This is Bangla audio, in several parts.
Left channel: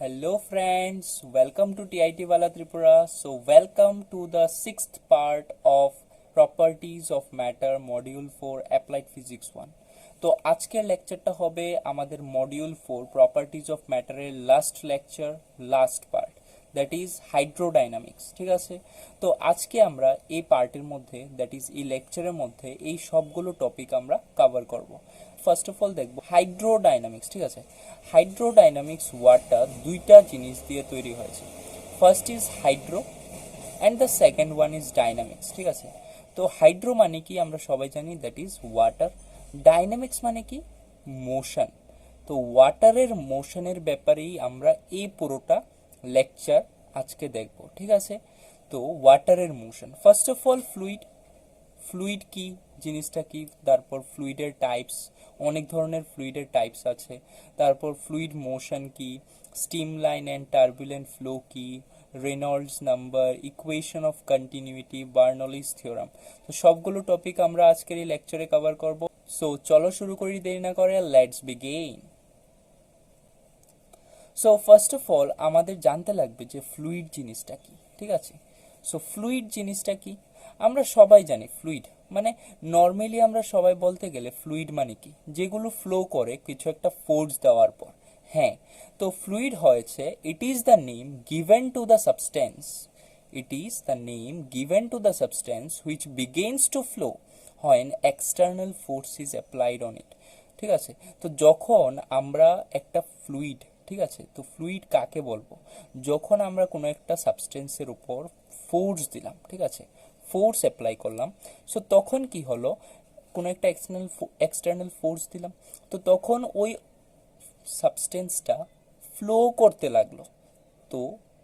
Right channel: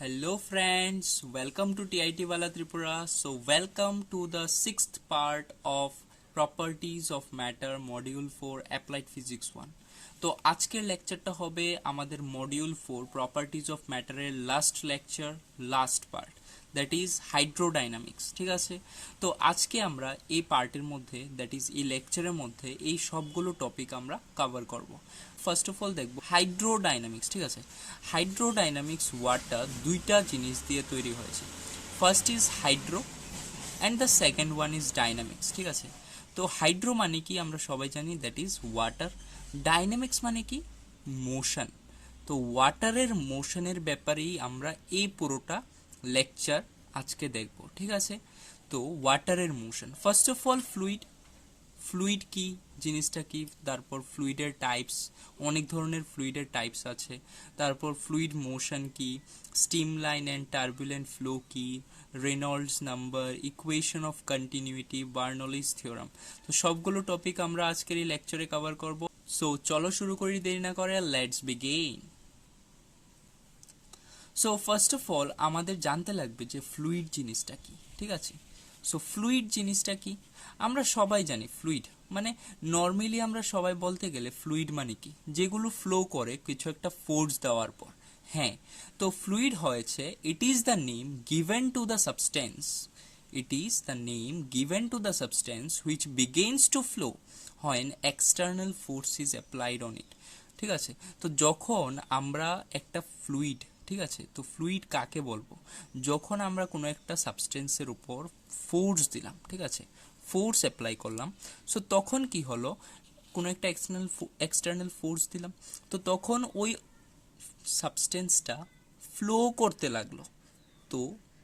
Hello friends, welcome to TIT Wala Tripura. So welcome to the sixth part of Properties of Matter Module 4 Applied Physics 1. তো আজকের লেকচারটা হবে আমাদের মডিউল 4 প্রপার্টিজ অফ ম্যাটারের last lecture, last part, that is hydrodynamics. ঠিক আছে, তো আজকে আমরা এই পার্টের মধ্যে, দ্যাট ইজ এই লেকচারের মধ্যে এই সবগুলো টপিক আমরা কভার করব। ফার্স্ট অফ অল দেখব হাইড্রোডাইনামিক্স। ঠিক আছে, হাইড্রোডাইনামিক্স ওয়ার্ডটা দুইটা জিনিস দিয়ে তৈরি হয়েছে। First is hydro and the second one is dynamics. ঠিক আছে, তো হাইড্রো মানে কি আমরা সবাই জানি, দ্যাট ইজ ওয়াটার। ডাইনামিক্স মানে কি, মোশন। তো ওয়াটারের মোশনের ব্যাপারেই আমরা এই পুরোটা লেকচার আজকে দেখব। ঠিক আছে, তো ওয়াটারের motion, first of all fluid. Fluid কি জিনিসটা কি, তারপর ফ্লুইডের টাইপস, অনেক ধরনের ফ্লুইডের টাইপস আছে। তারপর ফ্লুইড মোশন কি, stream line and turbulent flow কি, Reynolds number, equation of continuity, Bernoulli's theorem. তো সবগুলো টপিক আমরা আজকের এই লেকচারে কভার করব। সো চলো শুরু করি, দেরি না করে, let's begin. So first of all আমাদের জানতে লাগবে যে ফ্লুইড জিনিসটা কি। ঠিক আছে, সো ফ্লুইড জিনিসটা কি আমরা সবাই জানি। ফ্লুইড মানে নর্মালি আমরা সবাই বলতে গেলে ফ্লুইড মানে কি, যেগুলো ফ্লো করে কিছু একটা ফোর্স দেওয়ার পর। হ্যাঁ, তো ফ্লুইড হয়েছে, it is the name given to the substance, it is the name given to the substance which begins to flow when external force is applied on it। ঠিক আছে, তো যখন আমরা একটা ফ্লুইড, ঠিক আছে, তো ফ্লুইড কাকে বলবো, যখন আমরা কোনো একটা সাবস্টেন্সের উপর ফোর্স দিলাম, ঠিক আছে, ফোর্স অ্যাপ্লাই করলাম, সো তখন কি হলো, কোনো একটা এক্সটার্নাল ফোর্স দিলাম, তো তখন ওই সাবস্টেন্সটা ফ্লো করতে লাগলো, তো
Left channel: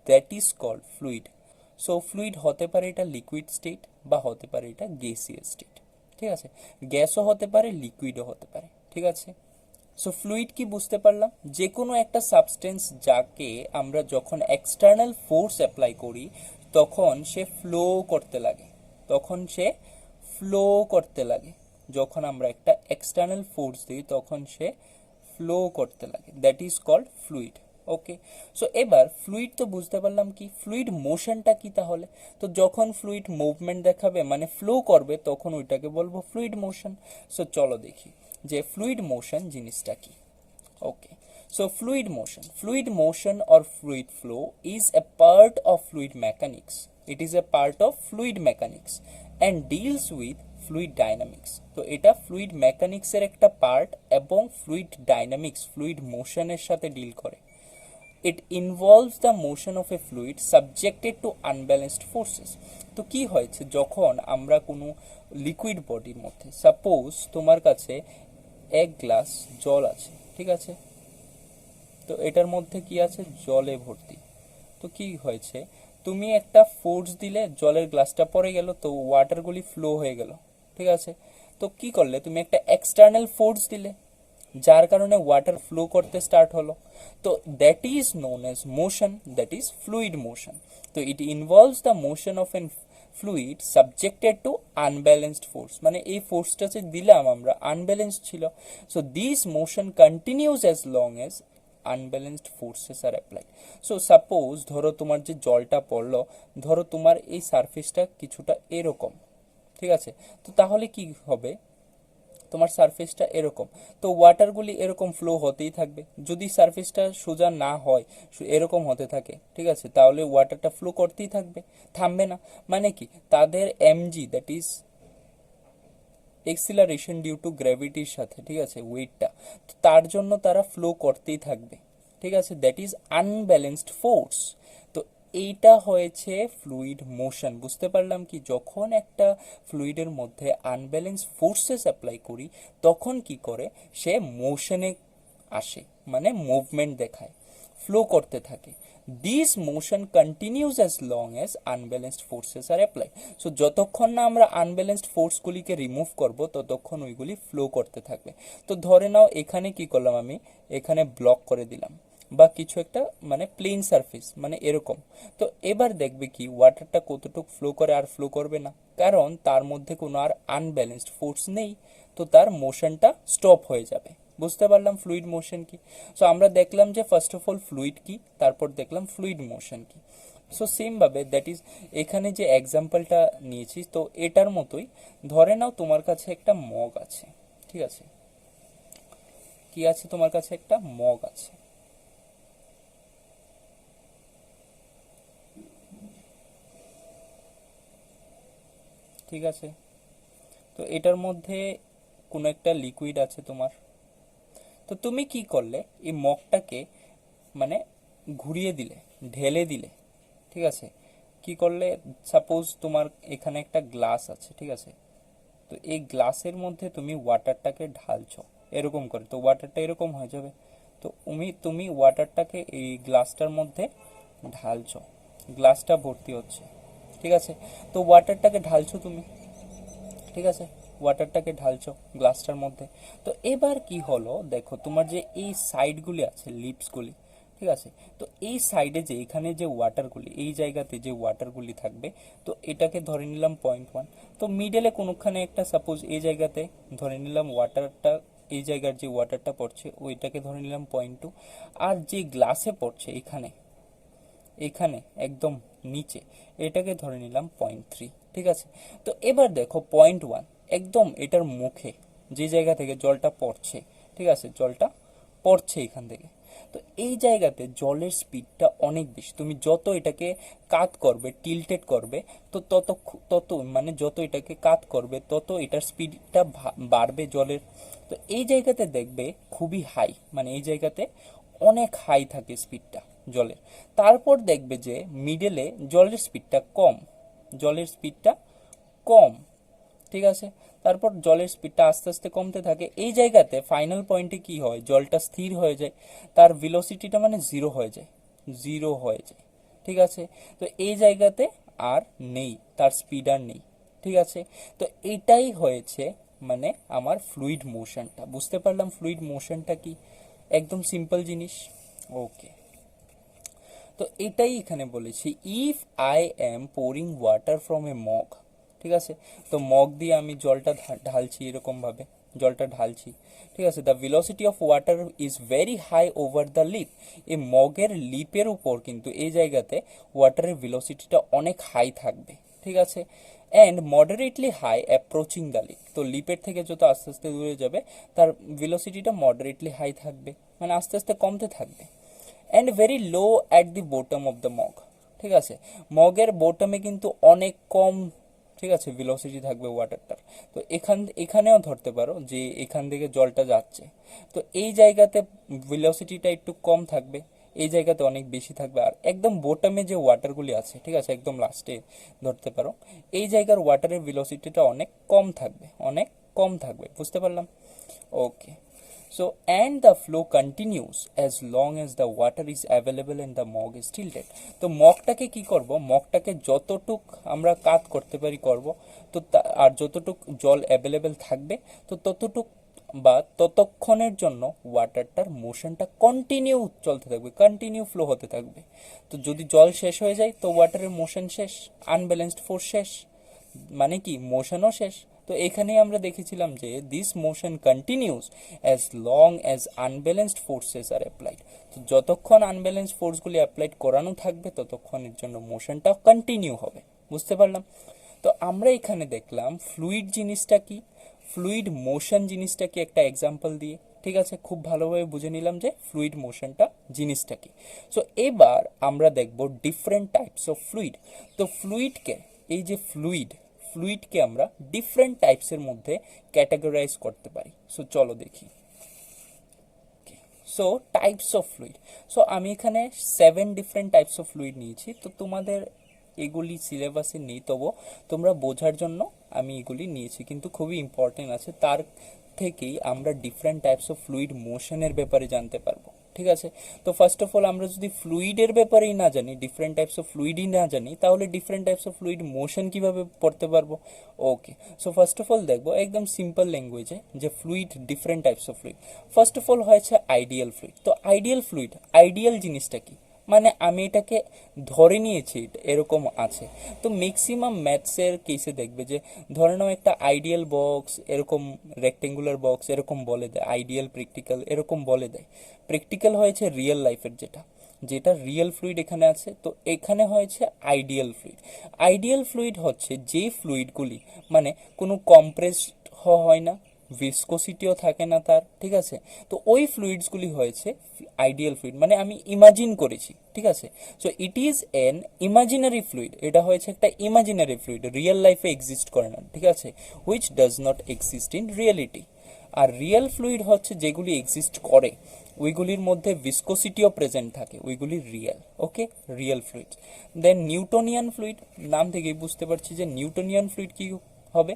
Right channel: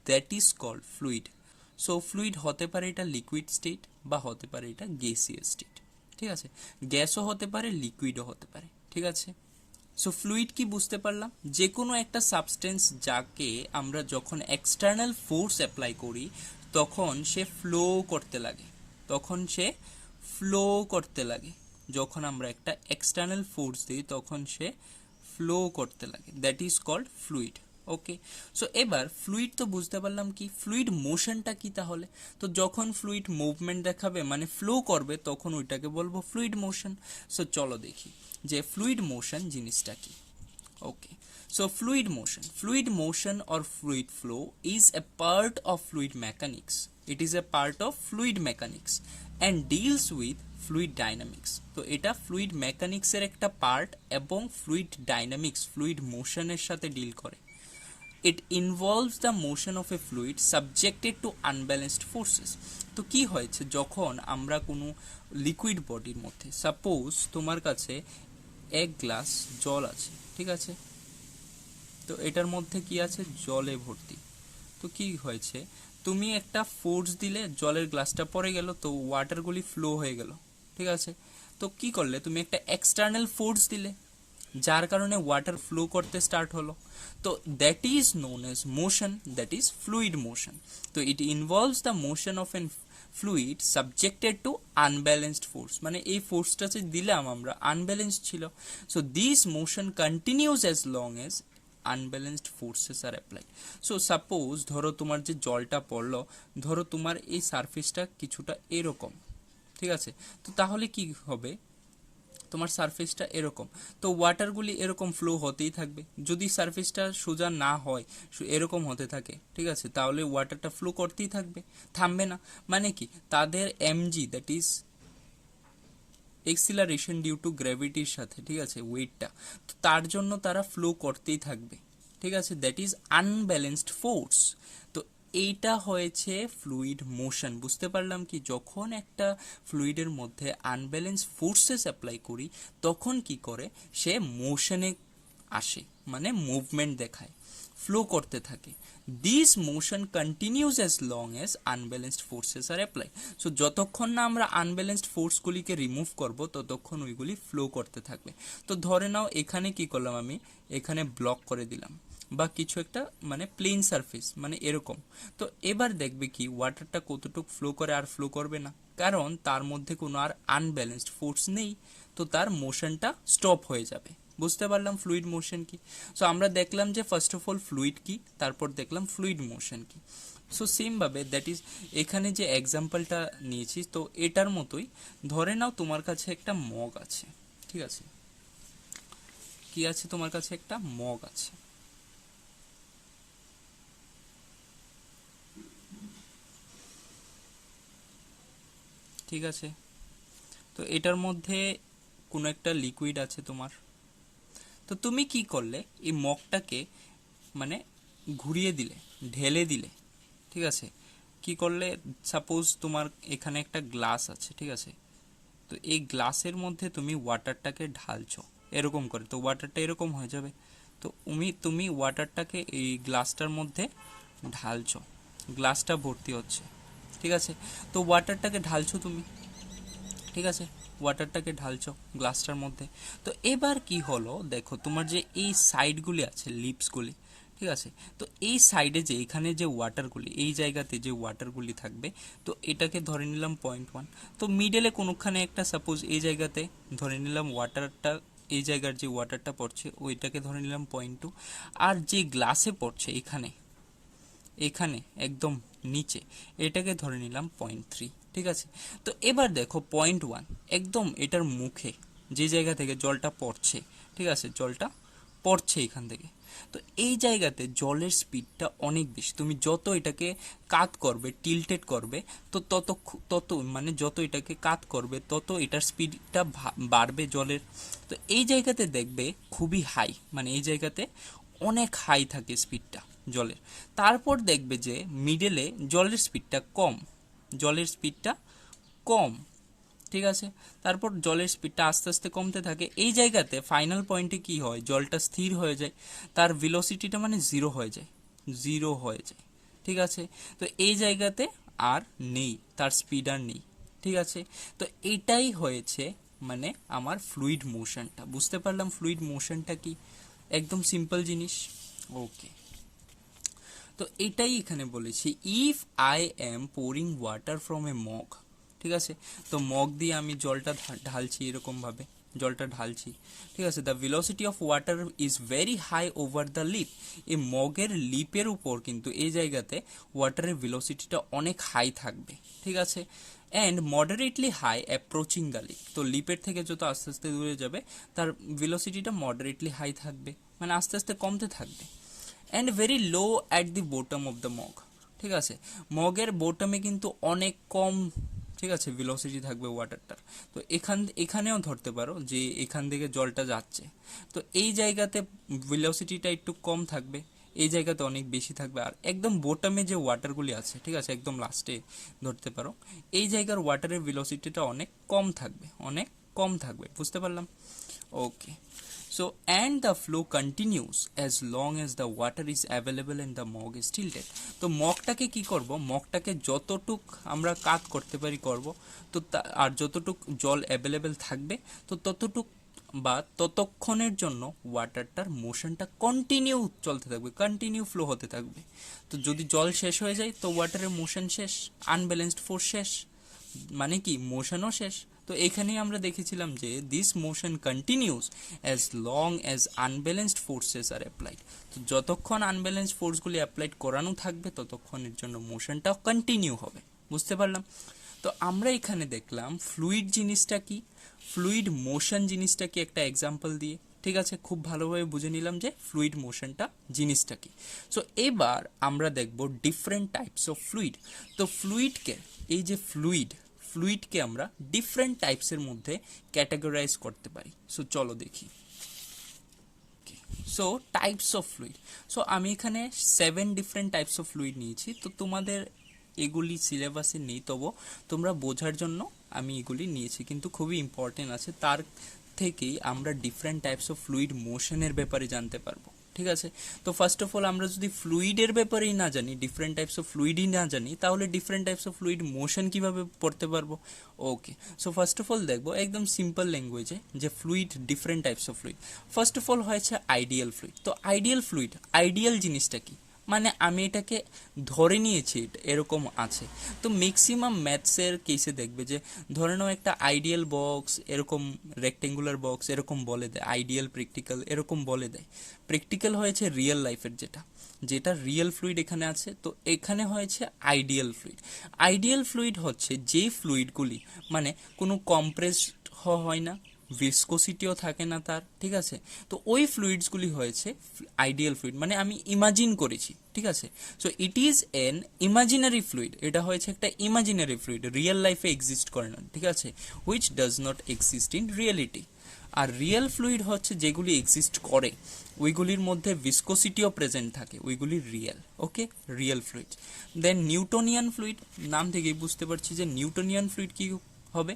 that is called fluid. So fluid হতে পারে এটা লিকুইড স্টেট বা হতে পারে এটা গ্যাসিয়াস স্টেট। ঠিক আছে, গ্যাসও হতে পারে, লিকুইডও হতে পারে। ঠিক আছে, সো ফ্লুইড কি বুঝতে পারলাম, যে কোনো একটা সাবস্টেন্স যাকে আমরা যখন এক্সটার্নাল ফোর্স অ্যাপ্লাই করি তখন সে ফ্লো করতে লাগে, তখন সে ফ্লো করতে লাগে, যখন আমরা একটা এক্সটার্নাল ফোর্স দিই তখন সে ফ্লো করতে লাগে, that is called fluid. Okay, so এবার ফ্লুইড তো বুঝতে পারলাম কি, ফ্লুইড মোশনটা কি তাহলে, তো যখন ফ্লুইড মুভমেন্ট দেখাবে মানে ফ্লো করবে তখন ওইটাকে বলবো ফ্লুইড মোশন। সো চলো দেখি যে ফ্লুইড মোশন জিনিসটা কি। ওকে, so fluid motion or fluid flow is a part of fluid mechanics, it is a part of fluid mechanics and deals with fluid dynamics। তো এটা ফ্লুইড মেকানিক্সের একটা পার্ট এবং ফ্লুইড ডাইনামিক্স, ফ্লুইড মোশনের সাথে ডিল করে। It involves the motion of a fluid subjected to unbalanced forces। তো কি হয়েছে, যখন আমরা কোনো লিকুইড বডির মধ্যে, সাপোজ তোমার কাছে এক গ্লাস জল আছে, ঠিক আছে, তো এটার মধ্যে কি আছে, জলে ভর্তি। তো কি হয়েছে, তুমি একটা ফোর্স দিলে জলের গ্লাসটা পড়ে গেল, তো ওয়াটারগুলি ফ্লো হয়ে গেল। ঠিক আছে, তো কি করলে, তুমি একটা এক্সটার্নাল ফোর্স দিলে যার কারণে ওয়াটার ফ্লো করতে স্টার্ট হলো, তো that is known as motion, that is fluid motion. তো it involves the motion of an fluid subjected to unbalanced force, মানে এই ফোর্সটা যে দিলাম আমরা আনব্যালেন্সড ছিল। So this motion continues as long as unbalanced forces are applied. So suppose ধরো তোমার যে জলটা পড়লো, ধরো তোমার এই সারফেসটা কিছুটা এরকম, ঠিক আছে, তো তাহলে কি হবে, তোমার সারফেসটা এরকম, তো ওয়াটারগুলি এরকম ফ্লো হতেই থাকবে। যদি সারফেসটা সোজা না হয়, এরকম হতে থাকে, ঠিক আছে, তাহলে ওয়াটারটা ফ্লো করতেই থাকবে, থামবে না। মানে কি, তাদের m g, that is acceleration due to গ্র্যাভিটির সাথে, ঠিক আছে, ওয়েটটা, তো তার জন্য তারা ফ্লো করতেই থাকবে। ঠিক আছে, দ্যাট ইজ আনব্যালেন্সড ফোর্স। তো এইটা হয়েছে ফ্লুইড মোশন। বুঝতে পারলাম কি, যখন একটা ফ্লুইডের মধ্যে আনব্যালেন্স ফোর্সেস অ্যাপ্লাই করি তখন কি করে, সে মোশনে আসে, মানে মুভমেন্ট দেখায়, ফ্লো করতে থাকে। This motion continues as long as unbalanced forces are apply. So যতক্ষণ না আমরা আনব্যালেন্সড ফোর্সগুলিকে রিমুভ করব ততক্ষণ ওইগুলি ফ্লো করতে থাকবে। তো ধরে নাও এখানে কি করলাম, আমি এখানে ব্লক করে দিলাম বা কিছু একটা, মানে প্লেন সারফেস, মানে এরকম। তো এবার দেখবে কি ওয়াটারটা কতটুকু ফ্লো করে, আর ফ্লো করবে না, কারণ তার মধ্যে কোনো আর আনব্যালেন্সড ফোর্স নেই, তো তার মোশনটা স্টপ হয়ে যাবে। বুঝতে পারলাম ফ্লুইড মোশন কি। সো আমরা দেখলাম যে ফার্স্ট অফ অল ফ্লুইড কি, তারপর দেখলাম ফ্লুইড মোশন কি। সো সেম ভাবে দ্যাট ইজ এখানে যে এক্সাম্পলটা নিয়েছি তো এটার মতোই ধরে নাও তোমার কাছে একটা মগ আছে, ঠিক আছে, কি আছে তোমার কাছে একটা মগ আছে, ঠিক আছে। তো এটার মধ্যে কোনো একটা লিকুইড আছে তোমার, তো তুমি কি করলে এই মগটাকে মানে ঘুরিয়ে দিলে, ঢেলে দিলে, ঠিক আছে। কি করলে, সাপোজ তোমার এখানে একটা গ্লাস আছে, ঠিক আছে, তো এই গ্লাসের মধ্যে তুমি ওয়াটারটাকে ঢালছো এরকম করে, তো ওয়াটারটা এরকম হয়ে যাবে। তো তুমি ওয়াটারটাকে এই গ্লাসটার মধ্যে ঢালছো, গ্লাসটা ভর্তি হচ্ছে, ঠিক আছে। তো ওয়াটারটাকে ঢালছো তুমি, ঠিক আছে, ওয়াটারটাকে ঢালছো গ্লাসটার মধ্যে। তো এবার কি হলো দেখো, তোমার যে এই সাইডগুলি আছে, লিপসগুলি, ঠিক আছে, তো এই সাইডে যে এখানে যে ওয়াটারগুলি, এই জায়গাতে যে ওয়াটারগুলি থাকবে, তো এটাকে ধরে নিলাম 0.1। তো মিডলে কোনোখানে একটা সাপোজ এই জায়গাতে ধরে নিলাম ওয়াটারটা, এই জায়গার যে ওয়াটারটা পড়ছে ওইটাকে ধরে নিলাম 0.2। আর যে গ্লাসে পড়ছে এখানে, এখানে একদম নিচে, এটাকে ধরে নিলাম 0.3, ঠিক আছে। তো এবার দেখো 0.1 একদম এটার মুখে, যে জায়গা থেকে জলটা পড়ছে, ঠিক আছে, জলটা পড়ছে এখান থেকে। তো এই জায়গাতে জলের স্পিডটা অনেক বেশি, তুমি যত এটাকে কাত করবে, টিল্টেড করবে, তো তত মানে যত এটাকে কাত করবে তত এটার স্পিডটা বাড়বে জলের। তো এই জায়গাতে দেখবে খুবই হাই, মানে এই জায়গাতে অনেক হাই থাকে স্পিডটা জলের। তারপর দেখবে যে মিডলে জলের স্পিডটা কম, জলের স্পিডটা কম, ঠিক আছে। তারপর জলের স্পিডটা আস্তে আস্তে কমতে থাকে। এই জায়গাতে ফাইনাল পয়েন্টে কি হয়, জলটা স্থির হয়ে যায়, তার ভেলোসিটিটা মানে জিরো হয়ে যায়, জিরো হয়ে যায়, ঠিক আছে। তো এই জায়গাতে আর নেই, তার স্পিড আর নেই, ঠিক আছে। তো এটাই হয়েছে মানে আমার ফ্লুইড মোশনটা। বুঝতে পারলাম ফ্লুইড মোশনটা কি, একদম সিম্পল জিনিস। ওকে, তো এটাই এখানে বলেছি, if I am pouring water from a mug, ঠিক আছে। তো মগ দিয়ে আমি জলটা ঢালছি এরকমভাবে, জলটা ঢালছি, ঠিক আছে। The velocity of water is very high over the lip. এই মগের লিপের উপর কিন্তু এই জায়গাতে ওয়াটারের ভেলোসিটিটা অনেক হাই থাকবে, ঠিক আছে। And moderately high approaching the lip. তো লিপের থেকে যত আস্তে আস্তে দূরে যাবে তার ভেলোসিটিটা মডারেটলি হাই থাকবে, মানে আস্তে আস্তে কমতে থাকবে। And very low at the bottom of the mug, ঠিক আছে। মগের বটমে কিন্তু অনেক কম, ঠিক আছে, ভেলোসিটি থাকবে ওয়াটারটার। তো এখানেও ধরতে পারো যে এখান থেকে জলটা যাচ্ছে, তো এই জায়গাতে ভেলোসিটিটা একটু কম থাকবে, এই জায়গাতে অনেক বেশি থাকবে। আর একদম বোটামে যে ওয়াটারগুলি আছে, ঠিক আছে, একদম লাস্টে ধরতে পারো, এই জায়গার ওয়াটারের ভেলোসিটিটা অনেক কম থাকবে, অনেক কম থাকবে। বুঝতে পারলাম? ওকে, so and the flow continues as long as the water is available and the mug is tilted. তো মগটাকে কি করব, মগটাকে যতটুক আমরা কাত করতে পারি করব, তো আর যতটুক জল অ্যাভেলেবেল থাকবে তো ততটুক বা ততক্ষণের জন্য ওয়াটারটার মোশনটা কন্টিনিউ চলতে থাকবে, কন্টিনিউ ফ্লো হতে থাকবে। তো যদি জল শেষ হয়ে যায় তো ওয়াটারের মোশন শেষ, আনব্যালেন্সড ফোর্স শেষ, মানে কি মোশনও শেষ। তো এখানেই আমরা দেখেছিলাম যে this motion continues as long as unbalanced forces are applied. তো যতক্ষণ আনব্যালেন্সড ফোর্সগুলি অ্যাপ্লাইড করানো থাকবে ততক্ষণের জন্য মোশনটা কন্টিনিউ হবে। বুঝতে পারলাম? তো আমরা এখানে দেখলাম ফ্লুইড জিনিসটা কি, ফ্লুইড মোশন জিনিসটা কি একটা এক্সাম্পল দিয়ে, ঠিক আছে। খুব ভালোভাবে বুঝে নিলাম যে ফ্লুইড মোশনটা জিনিসটা কি। সো এবার আমরা দেখব ডিফারেন্ট টাইপস অফ ফ্লুইড। তো ফ্লুইডকে, এই যে ফ্লুইডকে আমরা ডিফারেন্ট টাইপসের মধ্যে ক্যাটাগরাইজ করতে পারি। সো চলো দেখি। So types of fluid, so আমি এখানে 7 ডিফারেন্ট টাইপস অফ ফ্লুইড নিয়েছি। তো তোমাদের এগুলি সিলেবাসে নেই, তবু তোমরা বোঝার জন্য আমি এগুলি নিয়েছি, কিন্তু খুবই ইম্পর্টেন্ট আছে। তার থেকেই আমরা ডিফারেন্ট টাইপস অফ ফ্লুইড মোশনের ব্যাপারে জানতে পারবো, ঠিক আছে। তো ফার্স্ট অফ অল আমরা যদি ফ্লুইডের ব্যাপারেই না জানি, ডিফারেন্ট টাইপস অফ ফ্লুইডই না জানি, তাহলে different types of fluid motion কিভাবে পড়তে পারবো? ওকে, সো ফার্স্ট অফ অল দেখবো একদম সিম্পল ল্যাঙ্গুয়েজে যে fluid, different types of fluid. First of all হয়েছে আইডিয়াল ফ্লুইড। তো আইডিয়াল ফ্লুইড, আইডিয়াল জিনিসটা কি? মানে আমি এটাকে ধরে নিয়েছি এরকম আছে। তো ম্যাক্সিমাম ম্যাথসের কেসে দেখবে যে ধরে নাও একটা আইডিয়াল বক্স, এরকম রেক্টেঙ্গুলার বক্স এরকম বলে দেয়, আইডিয়াল প্র্যাকটিক্যাল এরকম বলে দেয়। প্র্যাকটিক্যাল হয়েছে রিয়েল লাইফের যেটা, যেটা রিয়েল ফ্লুইড এখানে আছে, তো এখানে হয়েছে আইডিয়াল ফ্লুইড। আইডিয়াল ফ্লুইড হচ্ছে যে ফ্লুইডগুলি মানে কোনো কম্প্রেসড হয় না, ভিসকোসিটিও থাকে না তার, ঠিক আছে, তো ওই ফ্লুইডসগুলি হয়েছে আইডিয়াল ফ্লুইড, মানে আমি ইমাজিন করেছি, ঠিক আছে। So it is an imaginary fluid, এটা হয়েছে একটা ইমাজিনারি ফ্লুইড, রিয়েল লাইফে এক্সিস্ট করে না, ঠিক আছে, which does not exist in reality. আর রিয়েল ফ্লুইড হচ্ছে যেগুলি এক্সিস্ট করে, ওইগুলির মধ্যে ভিসকোসিটিও প্রেজেন্ট থাকে, ওইগুলি রিয়েল। ওকে, রিয়েল ফ্লুইড। দেন নিউটনিয়ান ফ্লুইড, নাম থেকেই বুঝতে পারছি যে নিউটনিয়ান ফ্লুইড কি হবে,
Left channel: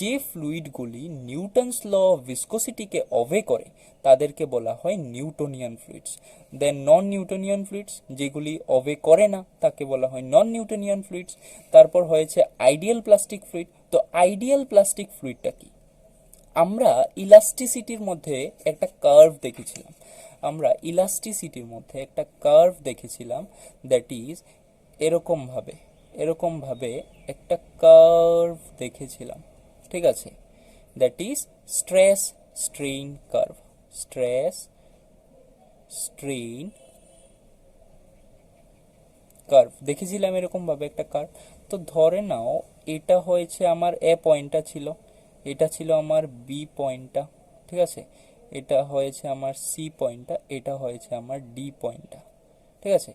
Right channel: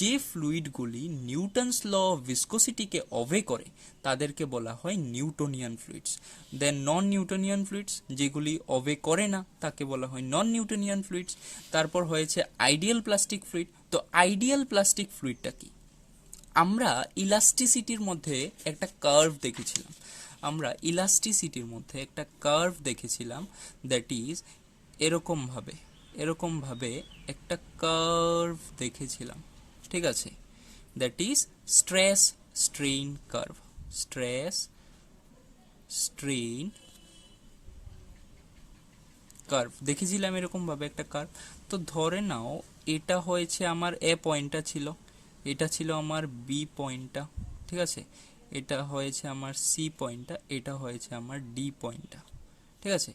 যে ফ্লুইডগুলি নিউটনস ল অফ ভিসকোসিটিকে অবে করে তাদেরকে বলা হয় নিউটনিয়ান ফ্লুইডস। দেন নন নিউটনিয়ান ফ্লুইডস, যেগুলি অবে করে না তাকে বলা হয় নন নিউটনিয়ান ফ্লুইডস। তারপর হয়েছে আইডিয়াল প্লাস্টিক ফ্লুইড। তো আইডিয়াল প্লাস্টিক ফ্লুইডটা কি, আমরা ইলাস্টিসিটির মধ্যে একটা কার্ভ দেখেছিলাম, আমরা ইলাস্টিসিটির মধ্যে একটা কার্ভ দেখেছিলাম, দ্যাট ইজ এরকমভাবে, এরকমভাবে একটা কার্ভ দেখেছিলাম, ঠিক আছে, that is stress strain curve, stress strain curve দেখেছিলাম এরকমভাবে একটা কার্ভ। তো ধরে নাও এটা হয়েছে আমার এ পয়েন্টটা ছিল, এটা ছিল আমার বি পয়েন্টটা, ঠিক আছে, এটা হয়েছে আমার সি পয়েন্টটা, এটা হয়েছে আমার ডি পয়েন্টটা, ঠিক আছে।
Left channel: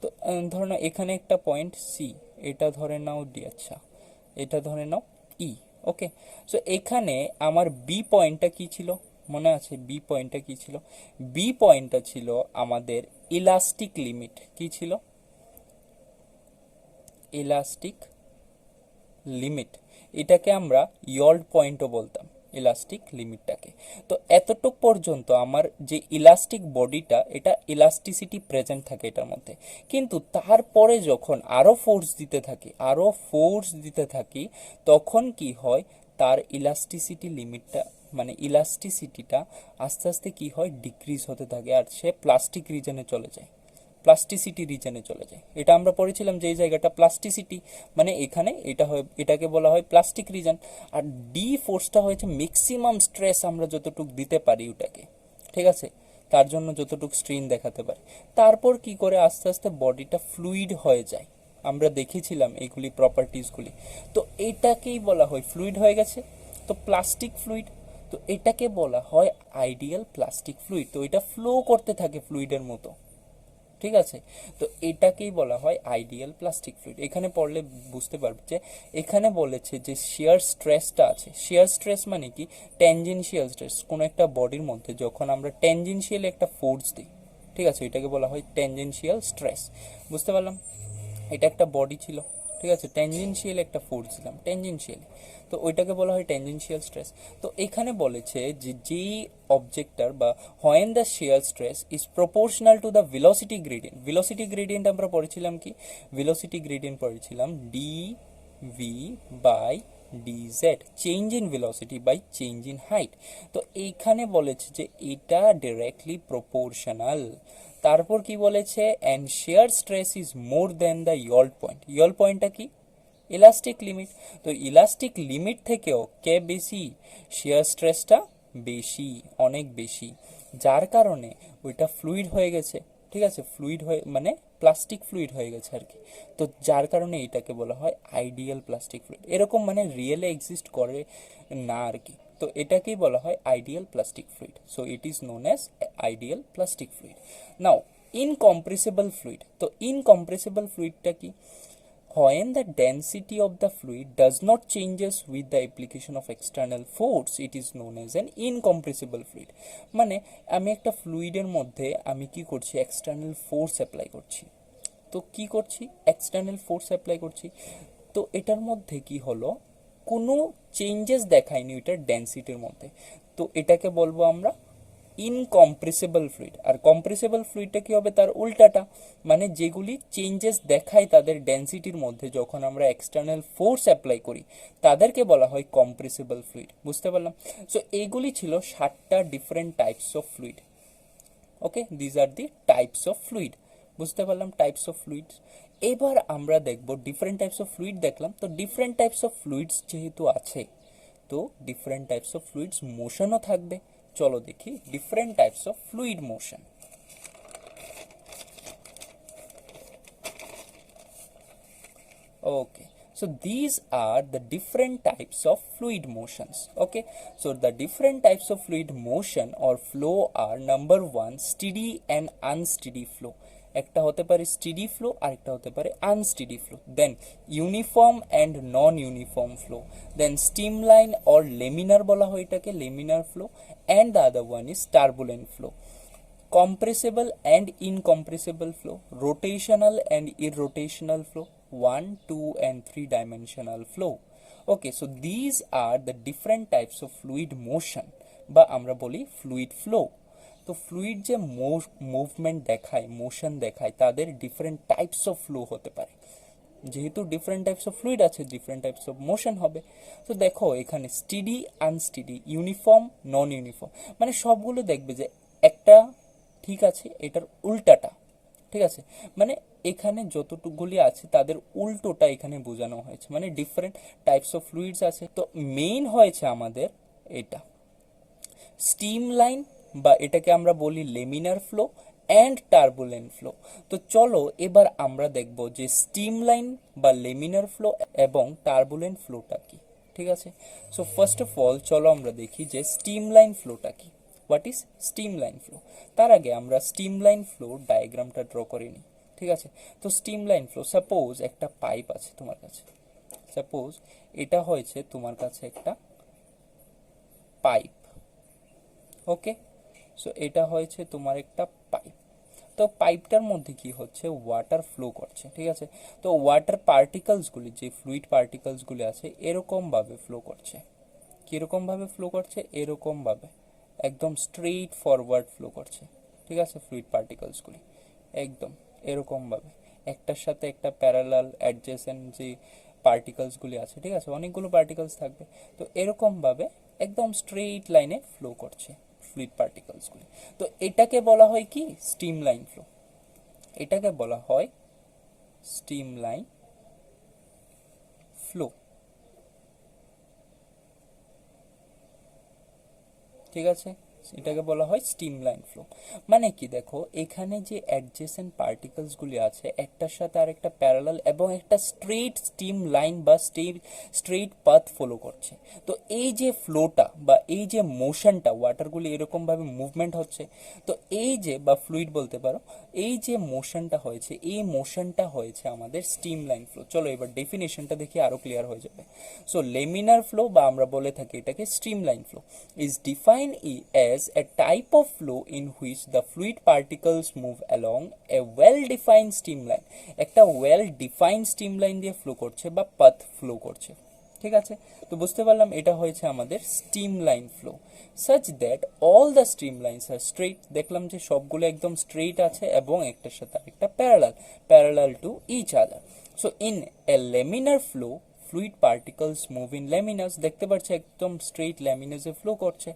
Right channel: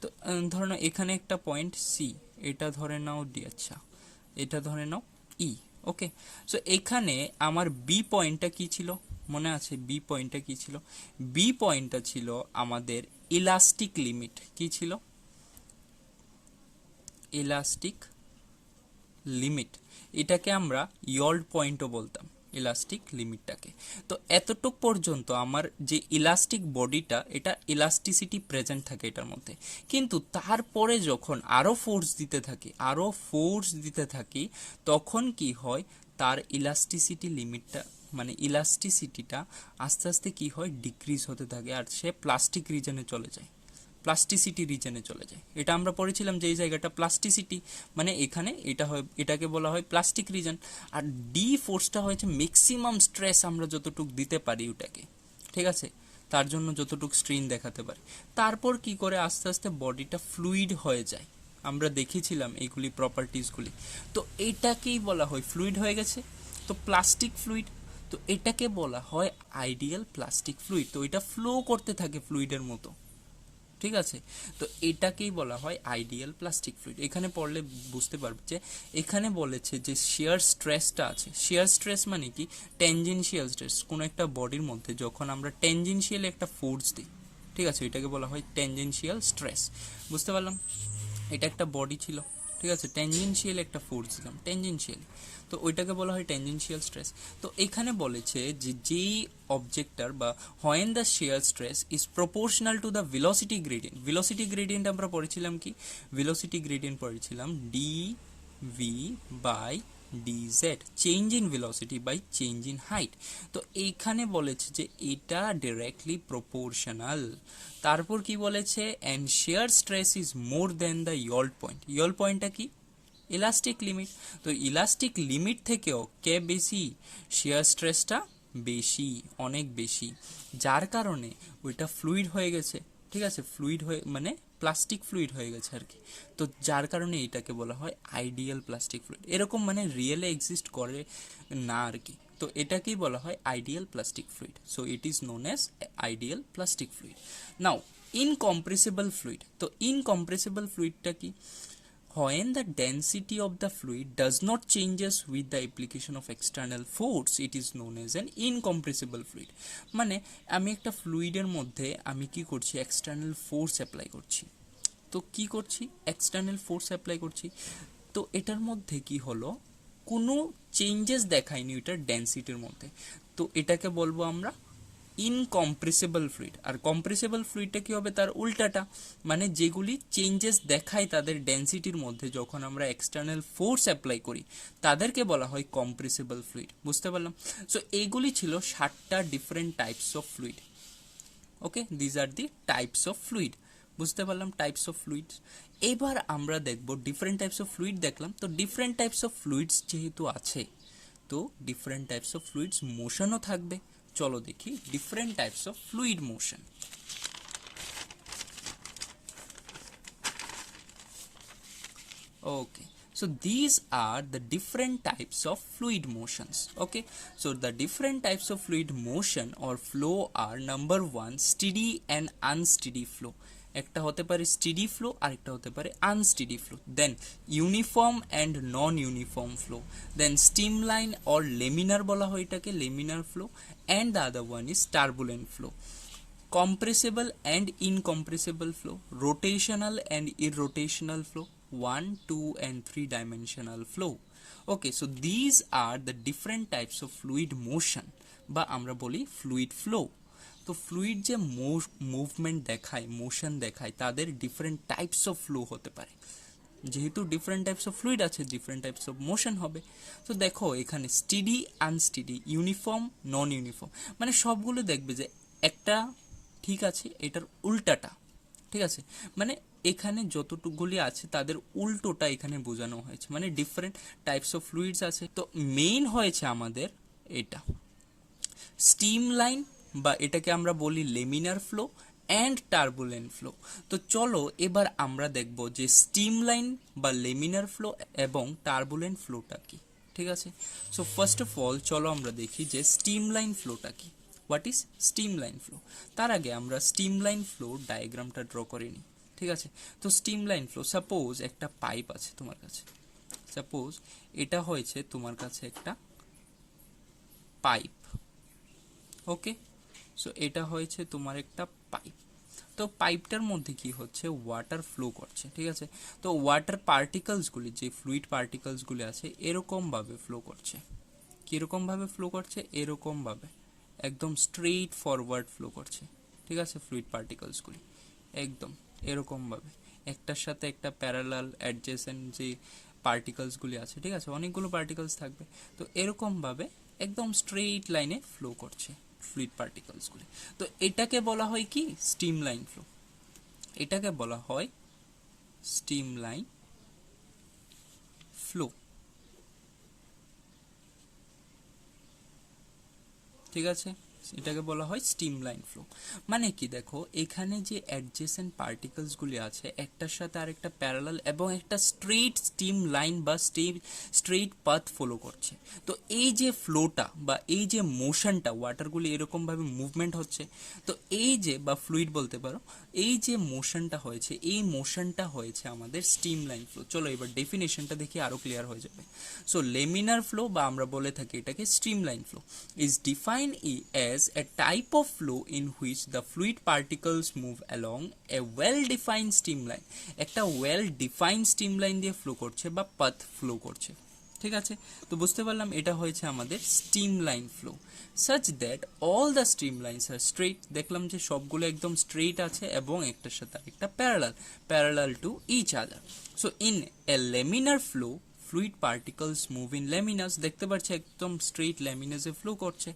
তো ধরে নাও এখানে একটা পয়েন্ট সি, এটা ধরে নাও ডি, আচ্ছা এটা ধরে নাও ই। ওকে, সো এখানে আমার বি পয়েন্টটা কি ছিল, মনে আছে বি পয়েন্টটা কি ছিল? বি পয়েন্টটা ছিল আমাদের ইলাস্টিক লিমিট, কি ছিল? Elastic limit. এটাকে আমরা ইয়ল্ড পয়েন্টও বলতাম, ইলাস্টিক লিমিটটাকে। তো এতটুক পর্যন্ত আমার যে ইলাস্টিক বডিটা, এটা ইলাস্টিসিটি প্রেজেন্ট থাকে এটার মধ্যে। কিন্তু তারপরে যখন আরো ফোর্স দিতে থাকি, আরো ফোর্স দিতে থাকি, তখন কি হয়, তার ইলাস্টিসিটি লিমিটটা মানে ইলাস্টিসিটিটা আস্তে আস্তে কি হয়, ডিক্রিজ হতে থাকে, আর সে প্লাস্টিক রিজনে চলে যায়, প্লাস্টিসিটি রিজনে চলে যায়। এটা আমরা পড়েছিলাম যে এই জায়গাটা প্লাস্টিসিটি, মানে এখানে এটা হয়, এটাকে বলা হয় প্লাস্টিক রিজন। আর ডি ফোর্সটা হয়েছে ম্যাক্সিমাম স্ট্রেস আমরা যতটুকু দিতে পারি ওটাকে, ঠিক আছে, তার জন্য যতটুকু স্ট্রেন দেখাতে পারি। তারপর কি করে আস্তে আস্তে বডিটা ফ্লুইড হয়ে যায়, আমরা দেখেছিলাম এইগুলি প্রপার্টিসগুলি। তো এটাকেই বলা হয় ফ্লুইড হয়ে গেছে, তো প্লাস্টিক ফ্লুইড। তো এটাকে বলা হয় আইডিয়াল প্লাস্টিক ফ্লুইড। তো এটা ফ্লো করতে থাকে ফ্লুইডের মতো, ঠিক আছে। তো এটাকেই বলা হয় আইডিয়াল প্লাস্টিক ফ্লুইড। এখানে পড়লে বুঝতে পারবে যে এখানে বলেছে যে শিয়ার স্ট্রেসটা আছে। শিয়ার স্ট্রেস মানে কি, ট্যানজেনশিয়াল স্ট্রেস। কোনো একটা বডির মধ্যে যখন আমরা ট্যানজেনশিয়াল একটা ফোর্স দিই, ঠিক আছে, এটাকে বলা হয় ট্যানজেনশিয়াল স্ট্রেস। বুঝতে পারলাম, এটা একটা বডি ছিল, ঠিক আছে, ট্যানজেনশিয়াল একটা ফোর্স দিলাম, ট্যানজেনশিয়াল, তো ওইটাকে বলা হয় ট্যানজেনশিয়াল স্ট্রেস। তো এখানে বলেছে যে যেই অবজেক্টর বা when the shear stress is proportional to the velocity gradient. Velocity gradient আমরা পড়েছিলাম কি, ভেলোসিটি গ্রেডিয়েন্ট পড়েছিলাম D V by DZ, change in velocity by change in height. তো এইখানে বলেছে যে এটা ডিরেক্টলি প্রপোর্শনাল। তারপর কি বলেছে, and shear stress is more than the yield point. Yield পয়েন্টটা কি, ইলাস্টিক লিমিট। তো ইলাস্টিক লিমিট থেকেও কে বেশি, শিয়ার স্ট্রেসটা বেশি, অনেক বেশি, যার কারণে ওইটা ফ্লুইড হয়ে গেছে, ঠিক আছে, ফ্লুইড হয়ে মানে প্লাস্টিক ফ্লুইড হয়ে গেছে আর কি। তো যার কারণে এটাকে বলা হয় আইডিয়াল প্লাস্টিক ফ্লুইড। এরকম মানে রিয়েলে এক্সিস্ট করে না আর কি। তো এটাকেই বলা হয় ideal plastic fluid. So it is known as ideal plastic fluid. Now incompressible fluid. তো ইনকম্প্রেসিবল ফ্লুইডটা কি, when the density of the fluid does not changes with the application of external force, it is known as an incompressible fluid। মানে আমি একটা ফ্লুইডের মধ্যে আমি কি করছি, এক্সটার্নাল ফোর্স অ্যাপ্লাই করছি। তো কি করছি, এক্সটার্নাল ফোর্স অ্যাপ্লাই করছি, তো এটার মধ্যে কি হলো, কোনো চেঞ্জেস দেখায়নি ওইটার ডেন্সিটির মধ্যে। তো এটাকে বলবো আমরা ইনকম্প্রেসিবল ফ্লুইড। আর কম্প্রেসিবল ফ্লুইডটা কি হবে, তার উল্টাটা, মানে যেগুলি চেঞ্জেস দেখায় তাদের ডেন্সিটির মধ্যে যখন আমরা এক্সটার্নাল ফোর্স অ্যাপ্লাই করি, তাদেরকে বলা হয় কম্প্রেসিবল ফ্লুইড। বুঝতে পারলাম। সো এইগুলি ছিল 7টা different types of fluid. Okay, these are the types of fluid. বুঝতে পারলাম টাইপস অফ ফ্লুইডস। এবার আমরা দেখব ডিফারেন্ট টাইপস অফ ফ্লুইড দেখলাম, তো ডিফারেন্ট টাইপস অফ ফ্লুইডস যেহেতু আছে, তো ডিফারেন্ট টাইপস অফ ফ্লুইডস মোশনও থাকবে। চলো দেখি different types of fluid motion. Okay, so these are the different types of fluid motions. Okay, so the different types of fluid motion or flow are number one, steady and unsteady flow. একটা হতে পারে স্টেডি ফ্লো আর একটা হতে পারে unsteady flow, then uniform and non uniform flow, then streamline or laminar বলা হয় এটাকে, laminar flow, and the other one is turbulent flow, compressible and incompressible flow, rotational and irrotational flow, 1, 2 and 3 dimensional flow. Okay, so these are the different types of fluid motion বা আমরা বলি fluid flow. তো ফ্লুইড যে মুভমেন্ট দেখায়, মোশন দেখায়, তাদের ডিফারেন্ট টাইপস অফ ফ্লো হতে পারে। যেহেতু ডিফারেন্ট টাইপস অফ ফ্লুইড আছে, ডিফারেন্ট টাইপস অফ মোশন হবে। তো দেখো এখানে স্টেডি, আনস্টেডি, ইউনিফর্ম, নন ইউনিফর্ম, মানে সবগুলো দেখবে যে একটা ঠিক আছে এটার উল্টাটা, ঠিক আছে, মানে এখানে যতটুকুগুলি আছে তাদের উল্টোটা এখানে বোঝানো হয়েছে, মানে ডিফারেন্ট টাইপস অফ ফ্লুইডস আছে। তো মেইন হয়েছে আমাদের এটা স্টিম লাইন বা এটাকে আমরা বলি laminar flow and turbulent flow. তো চলো এবার আমরা দেখব যে স্টিম লাইন বা লেমিনার ফ্লো এবং টার্বুলেন্ট ফ্লোটা কি, ঠিক আছে। সো ফার্স্ট অফ অল চলো আমরা দেখি যে স্টিম লাইন ফ্লোটা কি, what is steam line flow. তার আগে আমরা স্টিম লাইন ফ্লো ডায়াগ্রামটা ড্র করে নিই, ঠিক আছে। তো স্টিম লাইন ফ্লো, সাপোজ একটা পাইপ আছে তোমার কাছে, সাপোজ এটা হয়েছে তোমার কাছে একটা পাইপ, ওকে। সো এটা হয়েছে তোমার একটা পাইপ। তো পাইপটার মধ্যে কি হচ্ছে, ওয়াটার ফ্লো করছে, ঠিক আছে। তো ওয়াটার পার্টিকলসগুলি, যে ফ্লুইড পার্টিকলসগুলি আছে এরকমভাবে ফ্লো করছে। কীরকমভাবে ফ্লো করছে, এরকমভাবে একদম স্ট্রেইট ফরওয়ার্ড ফ্লো করছে, ঠিক আছে। ফ্লুইড পার্টিকলসগুলি একদম এরকমভাবে একটার সাথে একটা প্যারালাল অ্যাডজেসেন্ট যে পার্টিকলসগুলি আছে, ঠিক আছে, অনেকগুলো পার্টিকলস থাকবে। তো এরকমভাবে একদম স্ট্রেইট লাইনে ফ্লো করছে ফ্লুইড পার্টিকলসগুলি। তো এটাকে বলা হয় কি, স্টিম লাইন ফ্লো। এটাকে বলা হয় স্টিম লাইন ফ্লো, ঠিক আছে। এটাকে বলা হয় স্টিম লাইন ফ্লো। মানে কি দেখো এখানে যে অ্যাডজেসেন্ট পার্টিকলসগুলি আছে একটার সাথে আরেকটা প্যারালাল এবং একটা স্ট্রেইট স্টিম লাইন বা স্ট্রেইট পাথ ফলো করছে। তো এই যে ফ্লোটা বা এই যে মোশনটা, ওয়াটারগুলি এরকমভাবে মুভমেন্ট হচ্ছে, তো এই যে বা ফ্লুইড বলতে পারো, এই যে মোশনটা হয়েছে, এই মোশনটা হয়েছে আমাদের স্টিম লাইন ফ্লো। চলো এবার ডেফিনেশনটা দেখি আরো ক্লিয়ার হয়ে যাবে। সো লেমিনার ফ্লো বা আমরা বলে থাকি এটাকে stream line flow is defined as a type of flow in which the fluid particles move along a well-defined streamline. একটা well-defined streamline দিয়ে ফ্লো করছে বা পাথ ফ্লো করছে, ঠিক আছে। তো বুঝতে পারলাম এটা হয়েছে আমাদের streamline flow, such that all the streamlines are straight। দেখলাম যে সবগুলো একদম স্ট্রেইট আছে এবং একটার সাথে আরেকটা parallel to each other. So in a laminar flow fluid particles move in laminars, দেখতে পাচ্ছি একদম স্ট্রেইট ল্যামিনাসে ফ্লো করছে।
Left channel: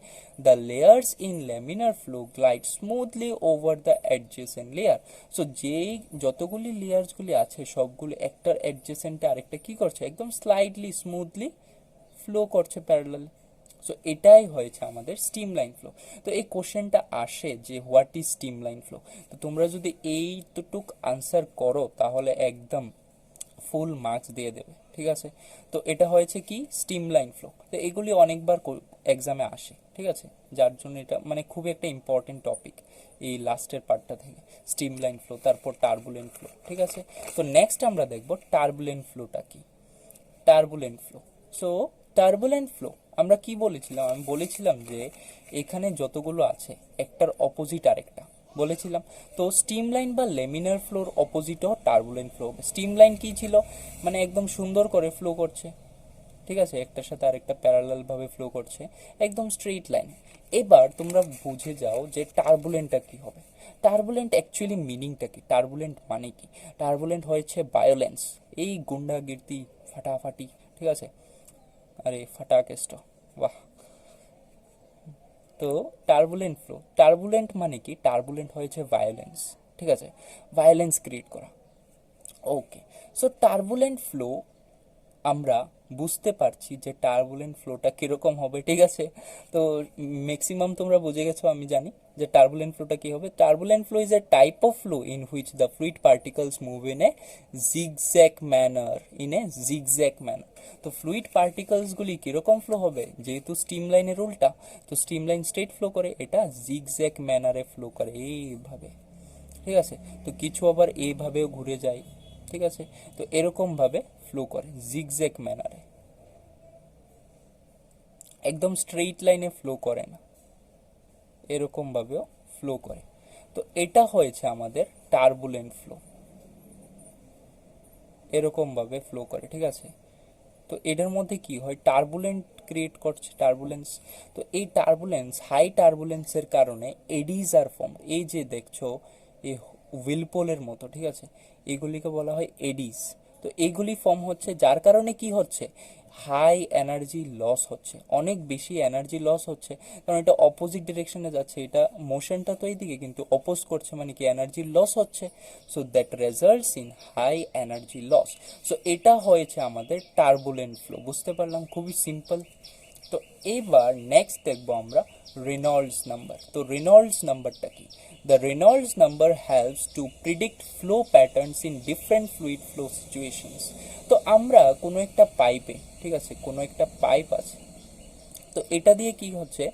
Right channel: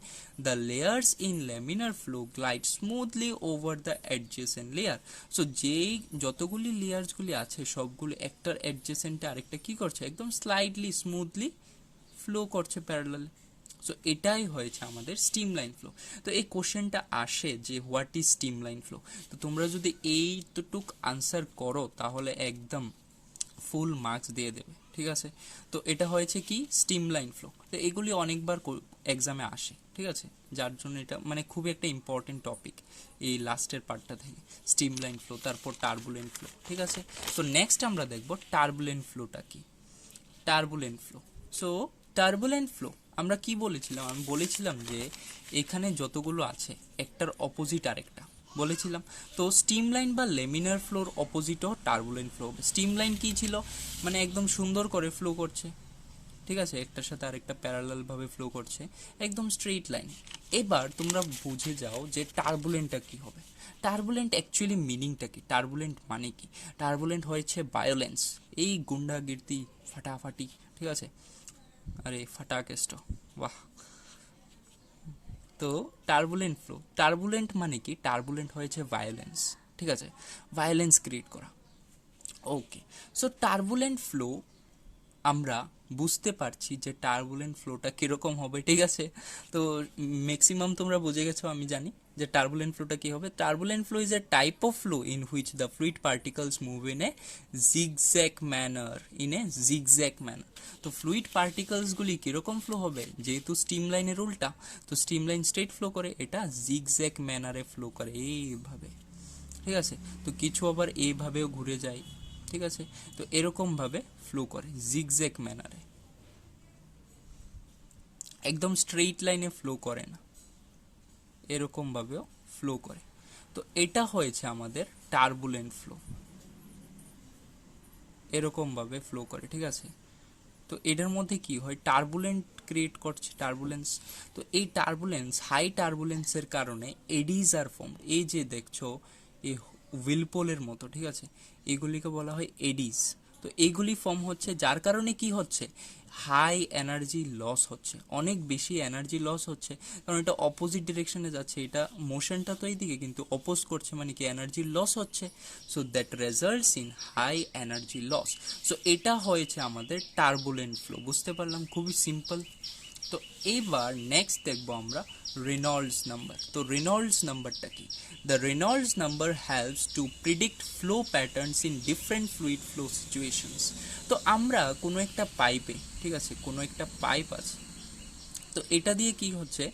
the layers in laminar flow glide smoothly over the adjacent layer. So যেই যতগুলি লেয়ার্সগুলি আছে সবগুলো একটার অ্যাডজেসেন্টে আরেকটা কি করছে, একদম স্লাইডলি স্মুথলি ফ্লো করছে প্যারালাল। সো এটাই হয়েছে আমাদের স্টিম লাইন ফ্লো। তো এই কোশ্চেনটা আসে যে what is steam line flow. তো তোমরা যদি এইটুক আনসার করো তাহলে একদম ফুল মার্কস দিয়ে দেবে, ঠিক আছে। তো এটা হয়েছে কি স্টিম লাইন ফ্লো। তো এগুলি অনেকবার এক্সামে আসে, ঠিক আছে, যার জন্য এটা মানে খুবই একটা ইম্পর্টেন্ট টপিক এই লাস্টের পার্টটা থেকে, স্টিম লাইন ফ্লো, তারপর টার্বুলেন্ট ফ্লো, ঠিক আছে। তো নেক্সট আমরা দেখব টার্বুলেন্ট ফ্লোটা কি। Turbulent flow, so turbulent flow আমরা কি বলেছিলাম, আমি বলেছিলাম যে এখানে যতগুলো আছে একটার অপোজিট আরেকটা বলেছিলাম। তো স্টিম লাইন বা লেমিনার ফ্লোর অপোজিটও টার্বুলেন্ট ফ্লো হবে। স্টিম লাইন কি ছিল, মানে একদম সুন্দর করে ফ্লো করছে, ঠিক আছে, একটার সাথে আরেকটা প্যারালালভাবে ফ্লো করছে, একদম স্ট্রেইট লাইন। এবার তোমরা বুঝে যাও যে টার্বুলেন্টটা কি হবে। টার্বুলেন্ট অ্যাকচুয়ালি মিনিংটা কি, টার্বুলেন্ট মানে কি। টার্বুলেন্ট হয়েছে ভায়োলেন্স, এই গুন্ডাগির্দি, ফাটাফাটি, ঠিক আছে, আরে ফাটাকেষ্ট, বাহ। তো টার্বুলেন্ট ফ্লো, টার্বুলেন্ট মানে কি, টার্বুলেন্ট হয়েছে ভায়োলেন্স, ঠিক আছে, ভায়োলেন্স ক্রিয়েট করা। ওকে, সো টার্বুলেন্ট ফ্লো আমরা বুঝতে পারছি যে টার্বুলেন্ট ফ্লোটা কীরকম হবে, ঠিক আছে। তো ম্যাক্সিমাম তোমরা বুঝে গেছো আমি জানি যে টার্বুলেন্ট ফ্লোটা কী হবে। Turbulent flow is a type of flow in which the fluid particles move in a zigzag manner. তো ফ্লুইড পার্টিকলসগুলি কীরকম ফ্লো হবে, যেহেতু স্টিম লাইনের উল্টা, তো স্টিম লাইন স্ট্রেট ফ্লো করে, এটা জিগজ্যাগ ম্যানারে ফ্লো করে এইভাবে, ঠিক আছে। তো কিছু আবার এইভাবেও ঘুরে যায়, ঠিক আছে। তো এরকমভাবে ফ্লো করে জিগজ্যাগ ম্যানারে, একদম স্ট্রেইট লাইনে ফ্লো করে না, এরকমভাবেও ফ্লো করে। তো এটা হয়েছে আমাদের টার্বুলেন্ট ফ্লো, এরকমভাবে ফ্লো করে, ঠিক আছে। তো এটার মধ্যে কি হয়, টার্বুলেন্ট ক্রিয়েট করছে, টার্বুলেন্স। তো এই টার্বুলেন্স, হাই টার্বুলেন্সের কারণে এডিজ আর ফর্ম, এই যে দেখছো এই হুইলপোলের মতো, ঠিক আছে, এগুলিকে বলা হয় এডিস। তো এইগুলি ফর্ম হচ্ছে, যার কারণে কি হচ্ছে, হাই এনার্জি লস হচ্ছে, অনেক বেশি এনার্জি লস হচ্ছে, কারণ এটা অপোজিট ডিরেকশনে যাচ্ছে, এটা মোশনটা তো এইদিকে কিন্তু অপোজ করছে, মানে কি এনার্জি লস হচ্ছে। So that results in high energy loss. So এটা হয়েছে আমাদের টার্বুলেন্ট ফ্লো, বুঝতে পারলাম, খুবই সিম্পল। তো এবার নেক্সট দেখবো আমরা রেনল্ডস নাম্বার। তো রেনল্ডস নাম্বারটা কি? The Reynolds number helps to predict flow patterns in different fluid flow situations. তো আমরা কোনো একটা পাইপে, ঠিক আছে, কোনো একটা পাইপ আছে, তো এটা দিয়ে কি হচ্ছে,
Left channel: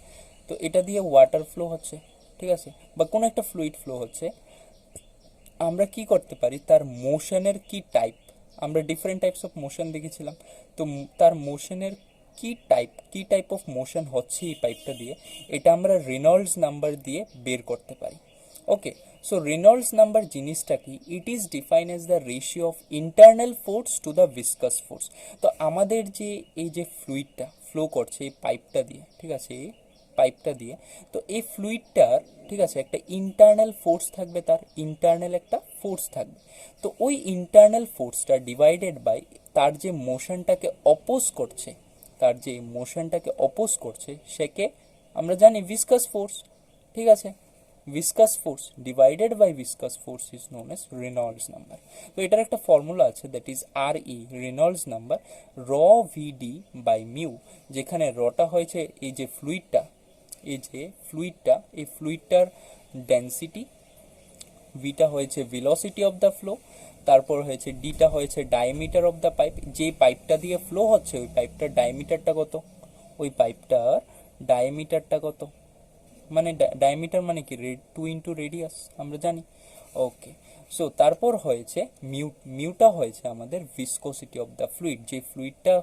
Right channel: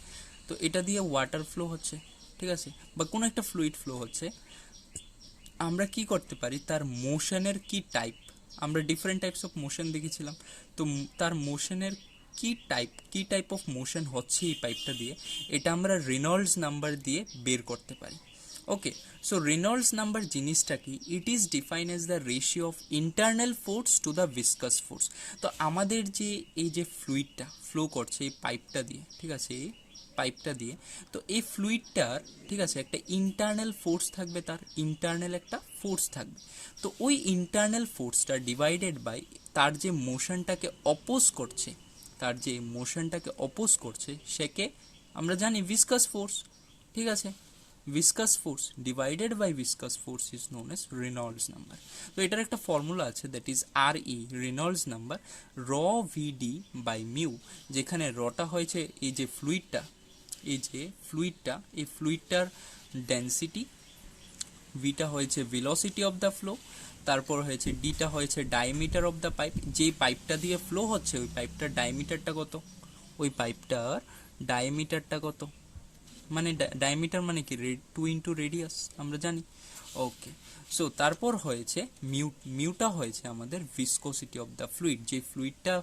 তো এটা দিয়ে ওয়াটার ফ্লো হচ্ছে, ঠিক আছে, বা কোনো একটা ফ্লুইড ফ্লো হচ্ছে। আমরা কি করতে পারি, তার মোশনের কি টাইপ, আমরা ডিফারেন্ট টাইপস অফ মোশন দেখেছিলাম, তো তার মোশনের কি টাইপ অফ মোশন হচ্ছে এই পাইপটা দিয়ে, এটা আমরা রেনল্ডস নাম্বার দিয়ে বের করতে পারি। ওকে, সো রেনল্ডস নাম্বার জিনিসটা কি, it is define as the ratio of internal force to the viscous force. তো আমাদের যে এই যে ফ্লুইডটা ফ্লো করছে এই পাইপটা দিয়ে, ঠিক আছে, এই পাইপটা দিয়ে, তো এই ফ্লুইডটার, ঠিক আছে, একটা ইন্টারনাল ফোর্স থাকবে, তার ইন্টারনাল একটা ফোর্স থাকবে। তো ওই ইন্টারনাল ফোর্সটা ডিভাইডেড বাই তার যে মোশনটাকে অপোজ করছে, সেকে আমরা জানি ভিসকাস ফোর্স, ঠিক আছে। Viscous force divided by viscous force is known as Reynolds number. তো এটার একটা ফর্মুলা আছে, that is R E, Reynolds number, rho VD by mu, যেখানে রটা হয়েছে এই যে ফ্লুইডটা, এই ফ্লুইডটার ডেন্সিটি, ভিটা হয়েছে ভেলোসিটি অফ দ্য ফ্লো, তারপর হয়েছে ডিটা হয়েছে ডায়ামিটার অফ দ্য পাইপ, যে পাইপটা দিয়ে ফ্লো হচ্ছে ওই পাইপটার ডায়ামিটারটা কত, কত, মানে ডায়ামিটার মানে কি, 2 রেডিয়াস আমরা জানি। ওকে, সো তারপর হয়েছে মিউটা হয়েছে আমাদের ভিসকোসিটি অফ দ্য ফ্লুইড, যে ফ্লুইডটা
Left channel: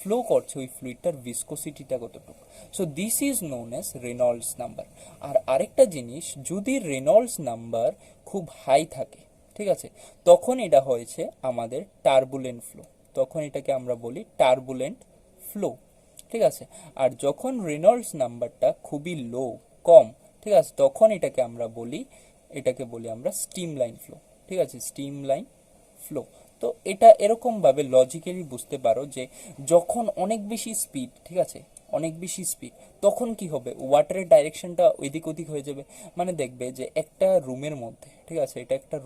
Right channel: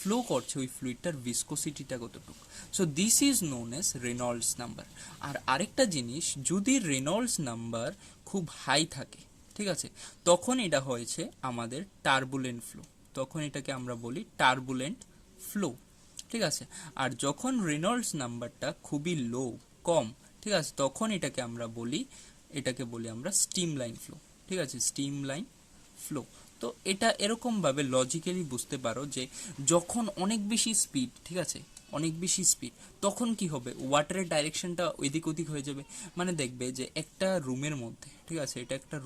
ফ্লো করছে ওই ফ্লুইডটার ভিসকোসিটিটা কতটুকু। So this is known as Reynolds number. আর আরেকটা জিনিস, যদি রেনল্ডস নাম্বার খুব হাই থাকে, ঠিক আছে, তখন এটা হয়েছে আমাদের টার্বুলেন্ট ফ্লো, তখন এটাকে আমরা বলি টার্বুলেন্ট ফ্লো, ঠিক আছে। আর যখন রেনল্ডস নাম্বারটা খুবই লো, কম, ঠিক আছে, তখন এটাকে বলি আমরা স্টিম লাইন ফ্লো, ঠিক আছে, স্টিম লাইন ফ্লো। তো এটা এরকমভাবে লজিক্যালি বুঝতে পারো যে যখন অনেক বেশি স্পিড, ঠিক আছে, অনেক বেশি স্পিড, তখন কি হবে, ওয়াটারের ডাইরেকশনটা ওইদিক ওদিক হয়ে যাবে। মানে দেখবে যে একটা রুমের মধ্যে, ঠিক আছে, এটা একটা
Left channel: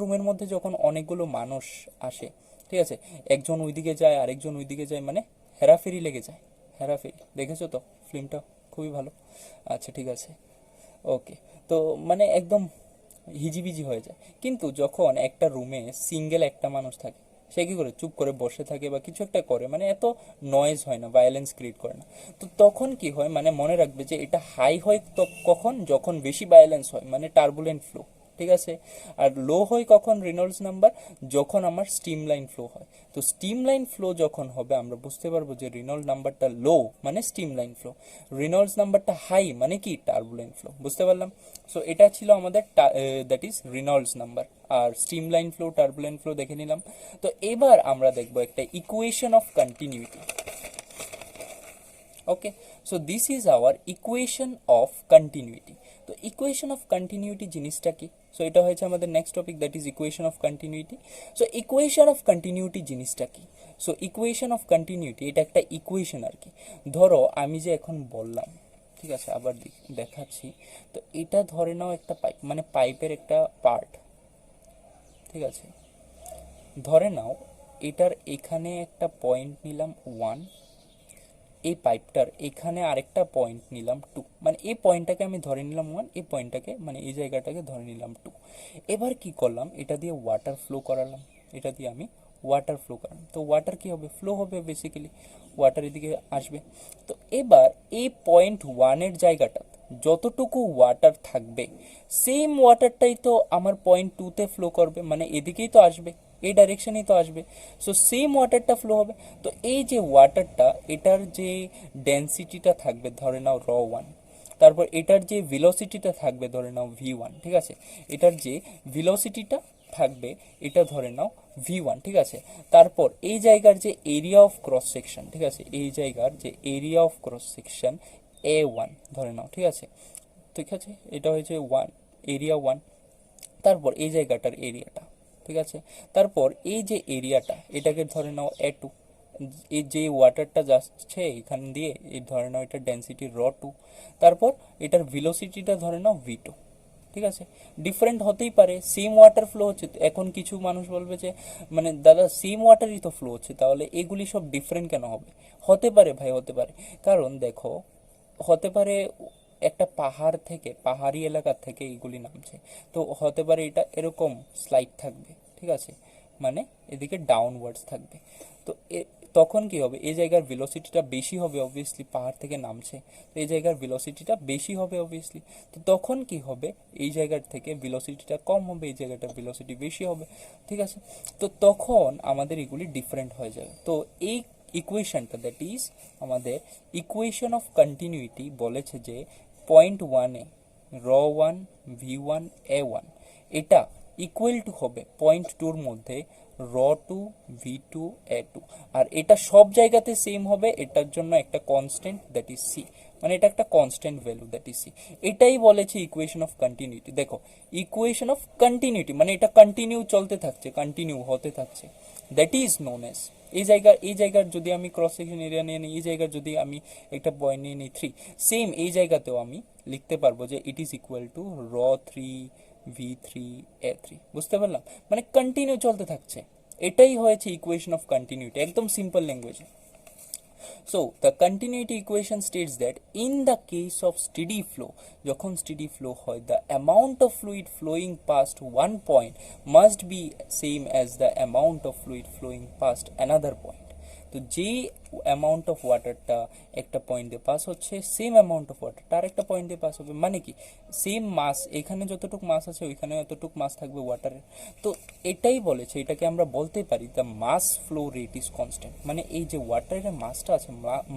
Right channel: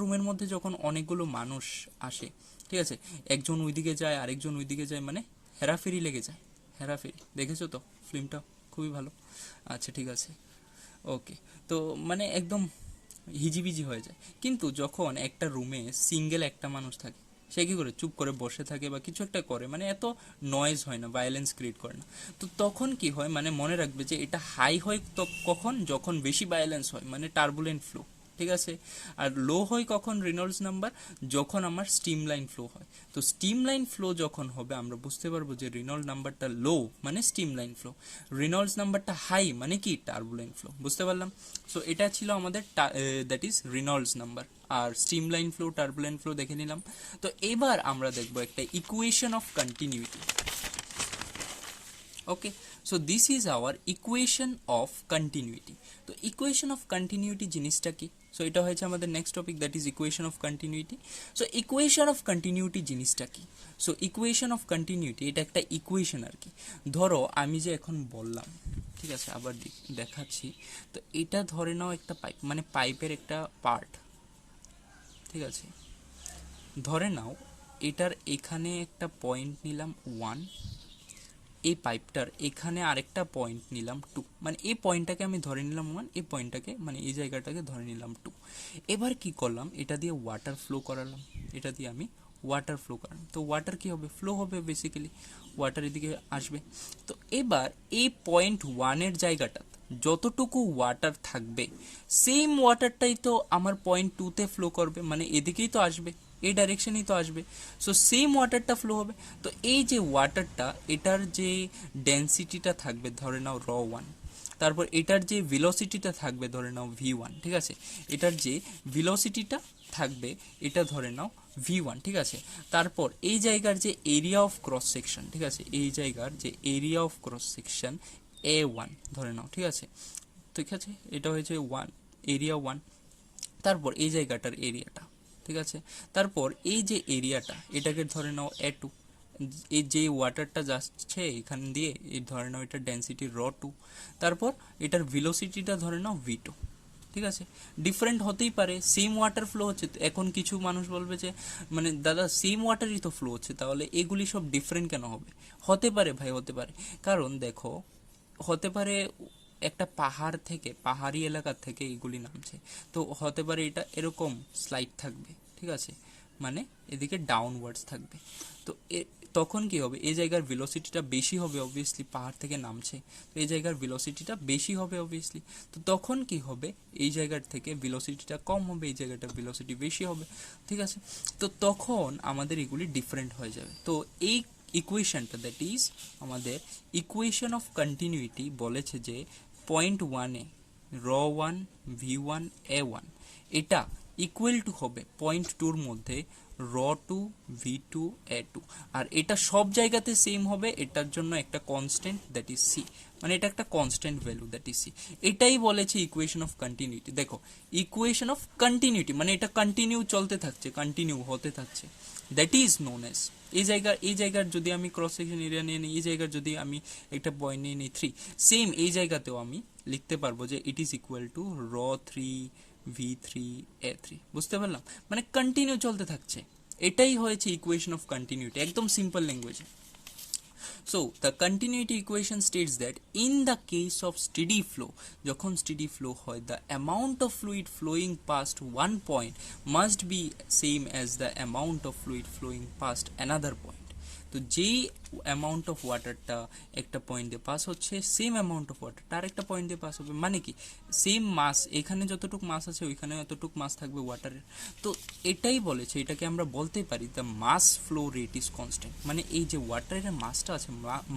রুমের মধ্যে যখন অনেকগুলো মানুষ আসে, ঠিক আছে, একজন ওইদিকে যায় আরেকজন ওইদিকে যায়, মানে হেরাফেরি লেগে যায়, হেরাফেরি, দেখেছো তো ফিল্মটা, খুবই ভালো। আচ্ছা, ঠিক আছে, ওকে। তো মানে একদম হিজিবিজি হয়ে যায়। কিন্তু যখন একটা রুমে সিঙ্গেল একটা মানুষ থাকে, সে কি করে, চুপ করে বসে থাকে বা কিছু একটা করে, মানে এত নয়েজ হয় না, ভায়োলেন্স ক্রিয়েট করে না। তো তখন কি হয়, মানে মনে রাখবে যে এটা হাই হয় তো কখন, যখন বেশি ভায়োলেন্স হয়, মানে টার্বুলেন্ট ফ্লো, ঠিক আছে। আর লো হয় কখন রেনল্ডস নাম্বার, যখন আমার স্টিম লাইন ফ্লো হয়। তো স্টিম লাইন ফ্লো যখন হবে আমরা বুঝতে পারবো যে রেনল্ডস নাম্বারটা লো মানে স্টিম লাইন ফ্লো, রেনল্ডস নাম্বারটা হাই মানে কি টার্বুলেন্ট ফ্লো, বুঝতে পারলাম। সো এটা ছিল আমাদের দ্যাট ইজ রেনল্ডস নাম্বার। আর streamline flow, turbulent flow দেখে নিলাম। তো এবার আমরা দেখবো একটা equation of continuity. Okay, so this is our equation of continuity. তো ইকুয়েশন অফ কন্টিনিউটি জিনিসটা কি, সো এটা হয়েছে আমাদের next topic, that is equation of continuity. So equation of continuity জিনিসটা কি, ইকুয়েশন অফ কন্টিনিউটি এটা একটা ইকুয়েশন আর কি। ধরো আমি যে এখন বললাম, ঠিক আছে, আবার দেখাচ্ছি। তো এটা ধরে নাও একটা পাইপ, মানে পাইপের একটা পার্ট, ঠিক আছে। ধরে নাও এটার এখানে একটা পয়েন্ট নিলাম 1, এই পাইপটার এখানে আরেকটা পয়েন্ট নিলাম 2, মানে এই পয়েন্টটাকে আমি ধরে নিলাম 1, এই পয়েন্টটাকে মানে এই জায়গাটাকে ধরে নিলাম 2। এবার কি করলাম, এটা দিয়ে ওয়াটার ফ্লো করালাম, এটা দিয়ে আমি ওয়াটার ফ্লো করালাম। তো ওয়াটার কি হবে, ফ্লো হবে বেসিক্যালি, ওয়াটার এদিকে আসবে। তো এবার এই পয়েন্ট 1-এর জায়গাটা যতটুকু ওয়াটার থাকবে, সেম ওয়াটারটাই তো আমার পয়েন্ট 2-তে ফ্লো করবে, মানে এদিকেই তো আসবে, এই ডাইরেকশনেই তো আসবে। সো সেম ওয়াটারটা ফ্লো হবে। তো এই যে ওয়াটারটা, এটার যে ডেন্সিটিটা থাকবে ধরে নাও ρ1, তারপর এটার যে ভেলোসিটিটা থাকবে ধরে নাও v1, ঠিক আছে। এটার যে ভেলোসিটিটা থাকবে এটা ধরে নাও v1, ঠিক আছে। তারপর এই জায়গার যে এরিয়া অফ ক্রস সেকশন, ঠিক আছে, এই জায়গার যে area of cross section a1 ধরে নাও, ঠিক আছে। ঠিক আছে, এটা হয়েছে 1, এরিয়া 1। তারপর এই জায়গাটার এরিয়াটা, ঠিক আছে। তারপর এই যে এরিয়াটা, এটাকে ধরে নাও a2, এই যে ওয়াটারটা যাচ্ছে এখান দিয়ে, এই ধরে নাও এটা ডেন্সিটি ρ2। তারপর এটার ভেলোসিটিটা ধরে নাও v2, ঠিক আছে। ডিফারেন্ট হতেই পারে, সেম ওয়াটার ফ্লো হচ্ছে। তো এখন কিছু মানুষ বলবে যে মানে দাদা সেম ওয়াটারই তো ফ্লো হচ্ছে, তাহলে এগুলি সব ডিফারেন্ট কেন হবে? হতে পারে ভাই, হতে পারে। কারণ দেখো, হতে পারে একটা পাহাড় থেকে, পাহাড়ি এলাকা থেকে এগুলি নামছে, তো হতে পারে এটা এরকম স্লাইড থাকবে, ঠিক আছে, মানে এদিকে ডাউনওয়ার্ডস থাকবে। তো তখন কি হবে, এই জায়গার ভেলোসিটিটা বেশি হবে অবভিয়াসলি, পাহাড় থেকে নামছে, তো এই জায়গার ভেলোসিটিটা বেশি হবে অবভিয়াসলি। তো তখন কি হবে, এই জায়গার থেকে ভেলোসিটিটা কম হবে, এই জায়গাটার ভেলোসিটি বেশি হবে, ঠিক আছে। তো তখন আমাদের এগুলি ডিফারেন্ট হয়ে যাবে। তো এই ইকুয়েশনটা, দ্যাট ইজ আমাদের ইকুয়েশন অফ কন্টিনিউইটি, বলেছে যে পয়েন্ট 1-এ ρ1 v1 a1 এটা ইকুয়াল টু হবে পয়েন্ট 2-র মধ্যে ρ2 v2 a2, আর এটা সব জায়গাতে সেম হবে। এটার জন্য একটা কনস্ট্যান্ট, দ্যাট ইজ সি, মানে এটা একটা constant value, that is C. এটাই বলেছে ইকুয়েশন অফ কন্টিনিউইটি। দেখো, ইকুয়েশন অফ কন্টিনিউইটি মানে এটা কন্টিনিউ চলতে থাকছে, কন্টিনিউ হতে থাকছে, দ্যাট ইজ নোন এস। এই জায়গার যদি আমি ক্রস সেকশন এরিয়া নিয়ে নিই, এই জায়গার যদি আমি একটা পয়েন্ট নিয়ে নিই 3, সেম এই জায়গাতেও আমি লিখতে পারবো যে it is equal to ρ3 v3 a3। বুঝতে পারলাম, মানে কন্টিনিউ চলতে থাকছে। এটাই হয়েছে ইকুয়েশন অফ কন্টিনিউইটি, একদম সিম্পল ল্যাঙ্গুয়েজে। So the continuity equation states that in the case of steady flow, যখন steady flow হয়, the amount of fluid flowing past one point must be same as the amount of fluid flowing past another point. তো যেই অ্যামাউন্ট অফ ওয়াটারটা একটা পয়েন্ট দিয়ে পাস হচ্ছে, সেম অ্যামাউন্ট অফ ওয়াটারটা আরেকটা পয়েন্ট দিয়ে পাস হবে। মানে কি, সেম মাস, এখানে যতটুকু মাস আছে ওইখানে ততটুকু মাস থাকবে ওয়াটারের। তো এটাই বলেছে, এটাকে আমরা বলতে পারি the mass flow rate is constant. মানে এই যে ওয়াটারের মাসটা আছে,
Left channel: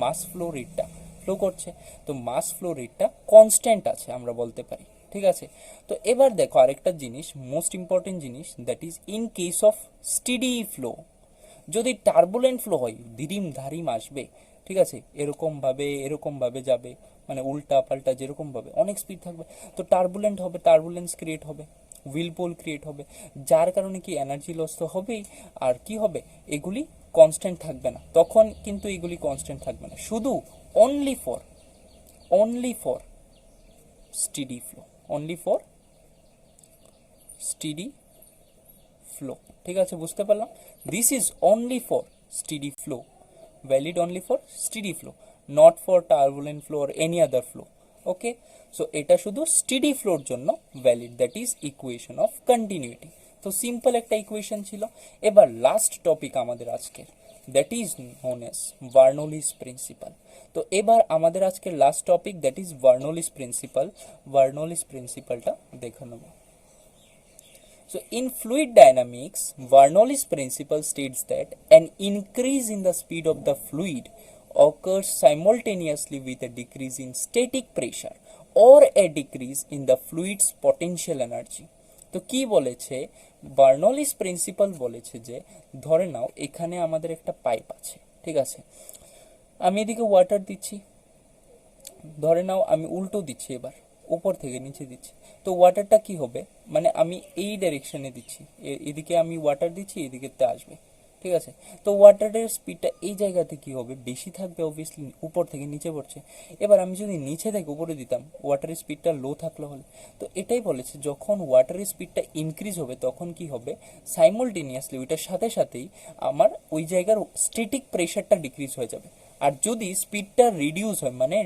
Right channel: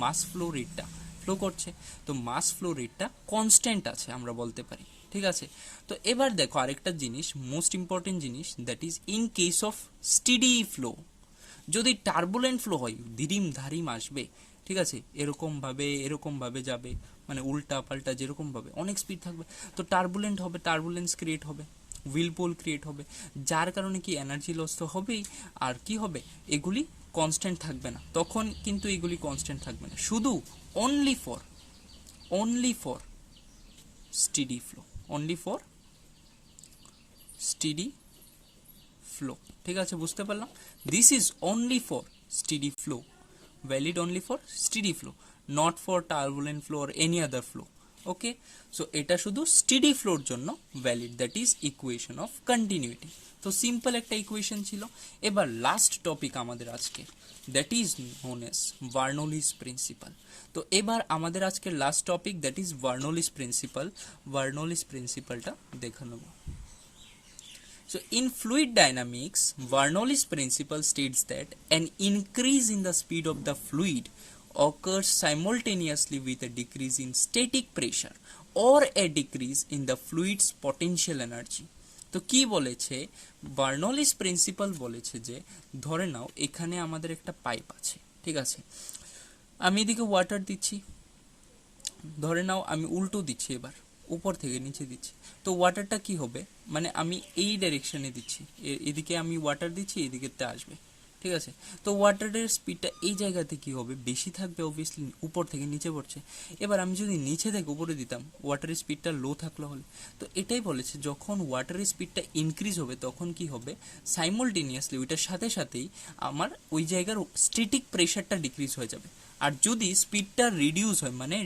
মাস ফ্লো রেটটা ফ্লো করছে, তো মাস ফ্লো রেটটা কনস্ট্যান্ট আছে আমরা বলতে পারি, ঠিক আছে। তো এবার দেখো আরেকটা জিনিস, মোস্ট ইম্পর্টেন্ট জিনিস, that is in case of steady flow. যদি টার্বুলেন্ট ফ্লো হয়, ধিরিম ধারিম আসবে, ঠিক আছে, এরকম ভাবে যাবে, মানে উল্টা পাল্টা যেরকম ভাবে অনেক স্পিড থাকবে, তো টার্বুলেন্ট হবে, টার্বুলেন্স ক্রিয়েট হবে, হুইলপোল ক্রিয়েট হবে, যার কারণে কি এনার্জি লস তো হবেই। আর কি হবে, এগুলি কনস্ট্যান্ট থাকবে না, তখন কিন্তু এগুলি কনস্ট্যান্ট থাকবে না, শুধু only for steady flow, only for steady flow, ঠিক আছে, বুঝতে পারলাম। This is only for steady flow, valid only for steady flow, not for turbulent flow or any other flow. Okay, so এটা শুধু স্টেডি ফ্লোর জন্য valid, that is equation of continuity. তো সিম্পল একটা ইকুয়েশন ছিল। এবার লাস্ট টপিক আমাদের আজকে, that is known as Bernoulli's principle. তো এবার আমাদের আজকের last topic, that is Bernoulli's principle. Bernoulli's প্রিন্সিপালটা দেখে নেব। So in fluid dynamics, Bernoulli's principle states that an increase in the speed of the fluid occurs simultaneously with a decrease in static pressure or a decrease in the fluid's potential energy. তো কি বলেছে, বার্নৌলিস প্রিন্সিপাল বলেছে যে ধরে নাও এখানে আমাদের একটা পাইপ আছে, ঠিক আছে, আমি এদিকে ওয়াটার দিচ্ছি, ধরে নাও আমি উল্টো দিচ্ছি, এবার উপর থেকে নিচে দিচ্ছি, তো ওয়াটারটা কি হবে, মানে আমি এই ডাইরেকশনে দিচ্ছি, এদিকে আমি ওয়াটার দিচ্ছি, এদিকেতে আসবে, ঠিক আছে। তো ওয়াটারের স্পিডটা এই জায়গাতে কি হবে, বেশি থাকবে অবভিয়াসলি, উপর থেকে নিচে পড়ছে। এবার আমি যদি নিচে থেকে উপরে দিতাম, ওয়াটারের স্পিডটা লো থাকলে হলে, তো এটাই বলেছে যখন ওয়াটারের স্পিডটা ইনক্রিজ হবে তখন কি হবে, সাইমultaneously ওইটার সাথে সাথেই আমার ওই জায়গার স্ট্যাটিক প্রেশারটা ডিক্রিজ হয়ে যাবে। আর যদি স্পিডটা রিডিউস হয়, মানে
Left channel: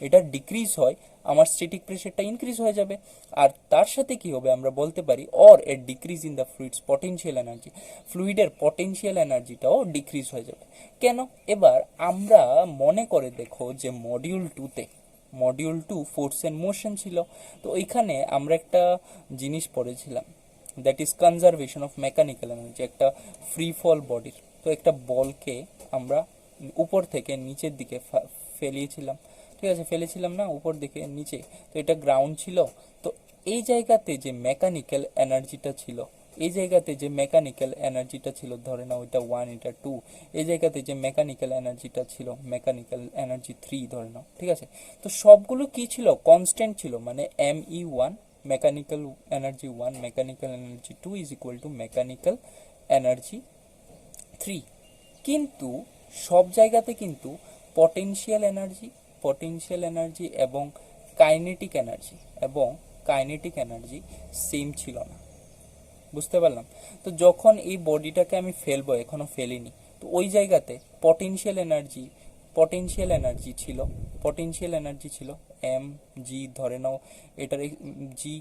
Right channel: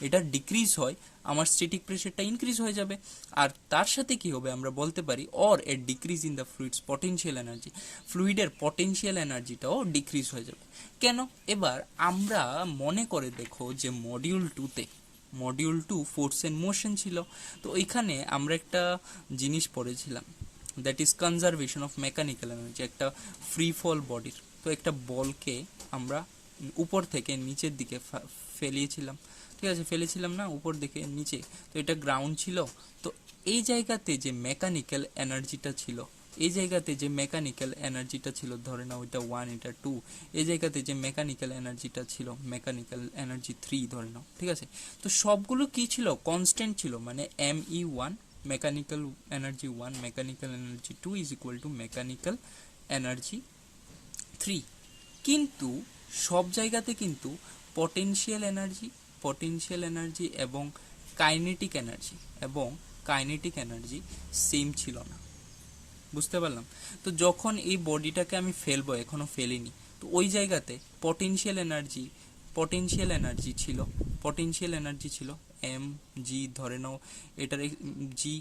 এটা ডিক্রিজ হয়, আমার স্ট্যাটিক প্রেশারটা ইনক্রিজ হয়ে যাবে। আর তার সাথে কি হবে, আমরা বলতে পারি or a decrease in the fluid's potential energy, ফ্লুইডের পটেনশিয়াল এনার্জিটাও ডিক্রিজ হয়ে যাবে। কেন? এবার আমরা মনে করে দেখো যে মডিউল 2 ফোর্স এন্ড মোশন ছিল। তো ওইখানে আমরা একটা জিনিস পড়েছিলাম, that is conservation of mechanical energy, একটা ফ্রি ফল বডির। তো একটা বলকে আমরা উপর থেকে নিচের দিকে ফেলিয়েছিলাম, ঠিক আছে, ফেলেছিলাম না উপর দিকে নিচে, তো এটা গ্রাউন্ড ছিল। তো এই জায়গাতে যে মেকানিক্যাল এনার্জিটা ছিল, এই জায়গাতে যে মেকানিক্যাল এনার্জিটা ছিল, ধরে নাও এটা 1 এটা 2, এই জায়গাতে যে মেকানিক্যাল এনার্জিটা ছিল, মেকানিক্যাল এনার্জি 3 ধরে নাও, ঠিক আছে। তো সবগুলো কি ছিল, কনস্ট্যান্ট ছিল, মানে ME1 mechanical energy 1 mechanical energy 2 is equal to mechanical energy 3। কিন্তু সব জায়গাতে কিন্তু পটেনশিয়াল এনার্জি এবং কাইনেটিক এনার্জি সেম ছিল না, বুঝতে পারলাম। তো যখন এই বডিটাকে আমি ফেলবো, এখনো ফেলিনি, তো ওই জায়গাতে পটেনশিয়াল এনার্জি ছিল এম জি, ধরে নাও এটার জি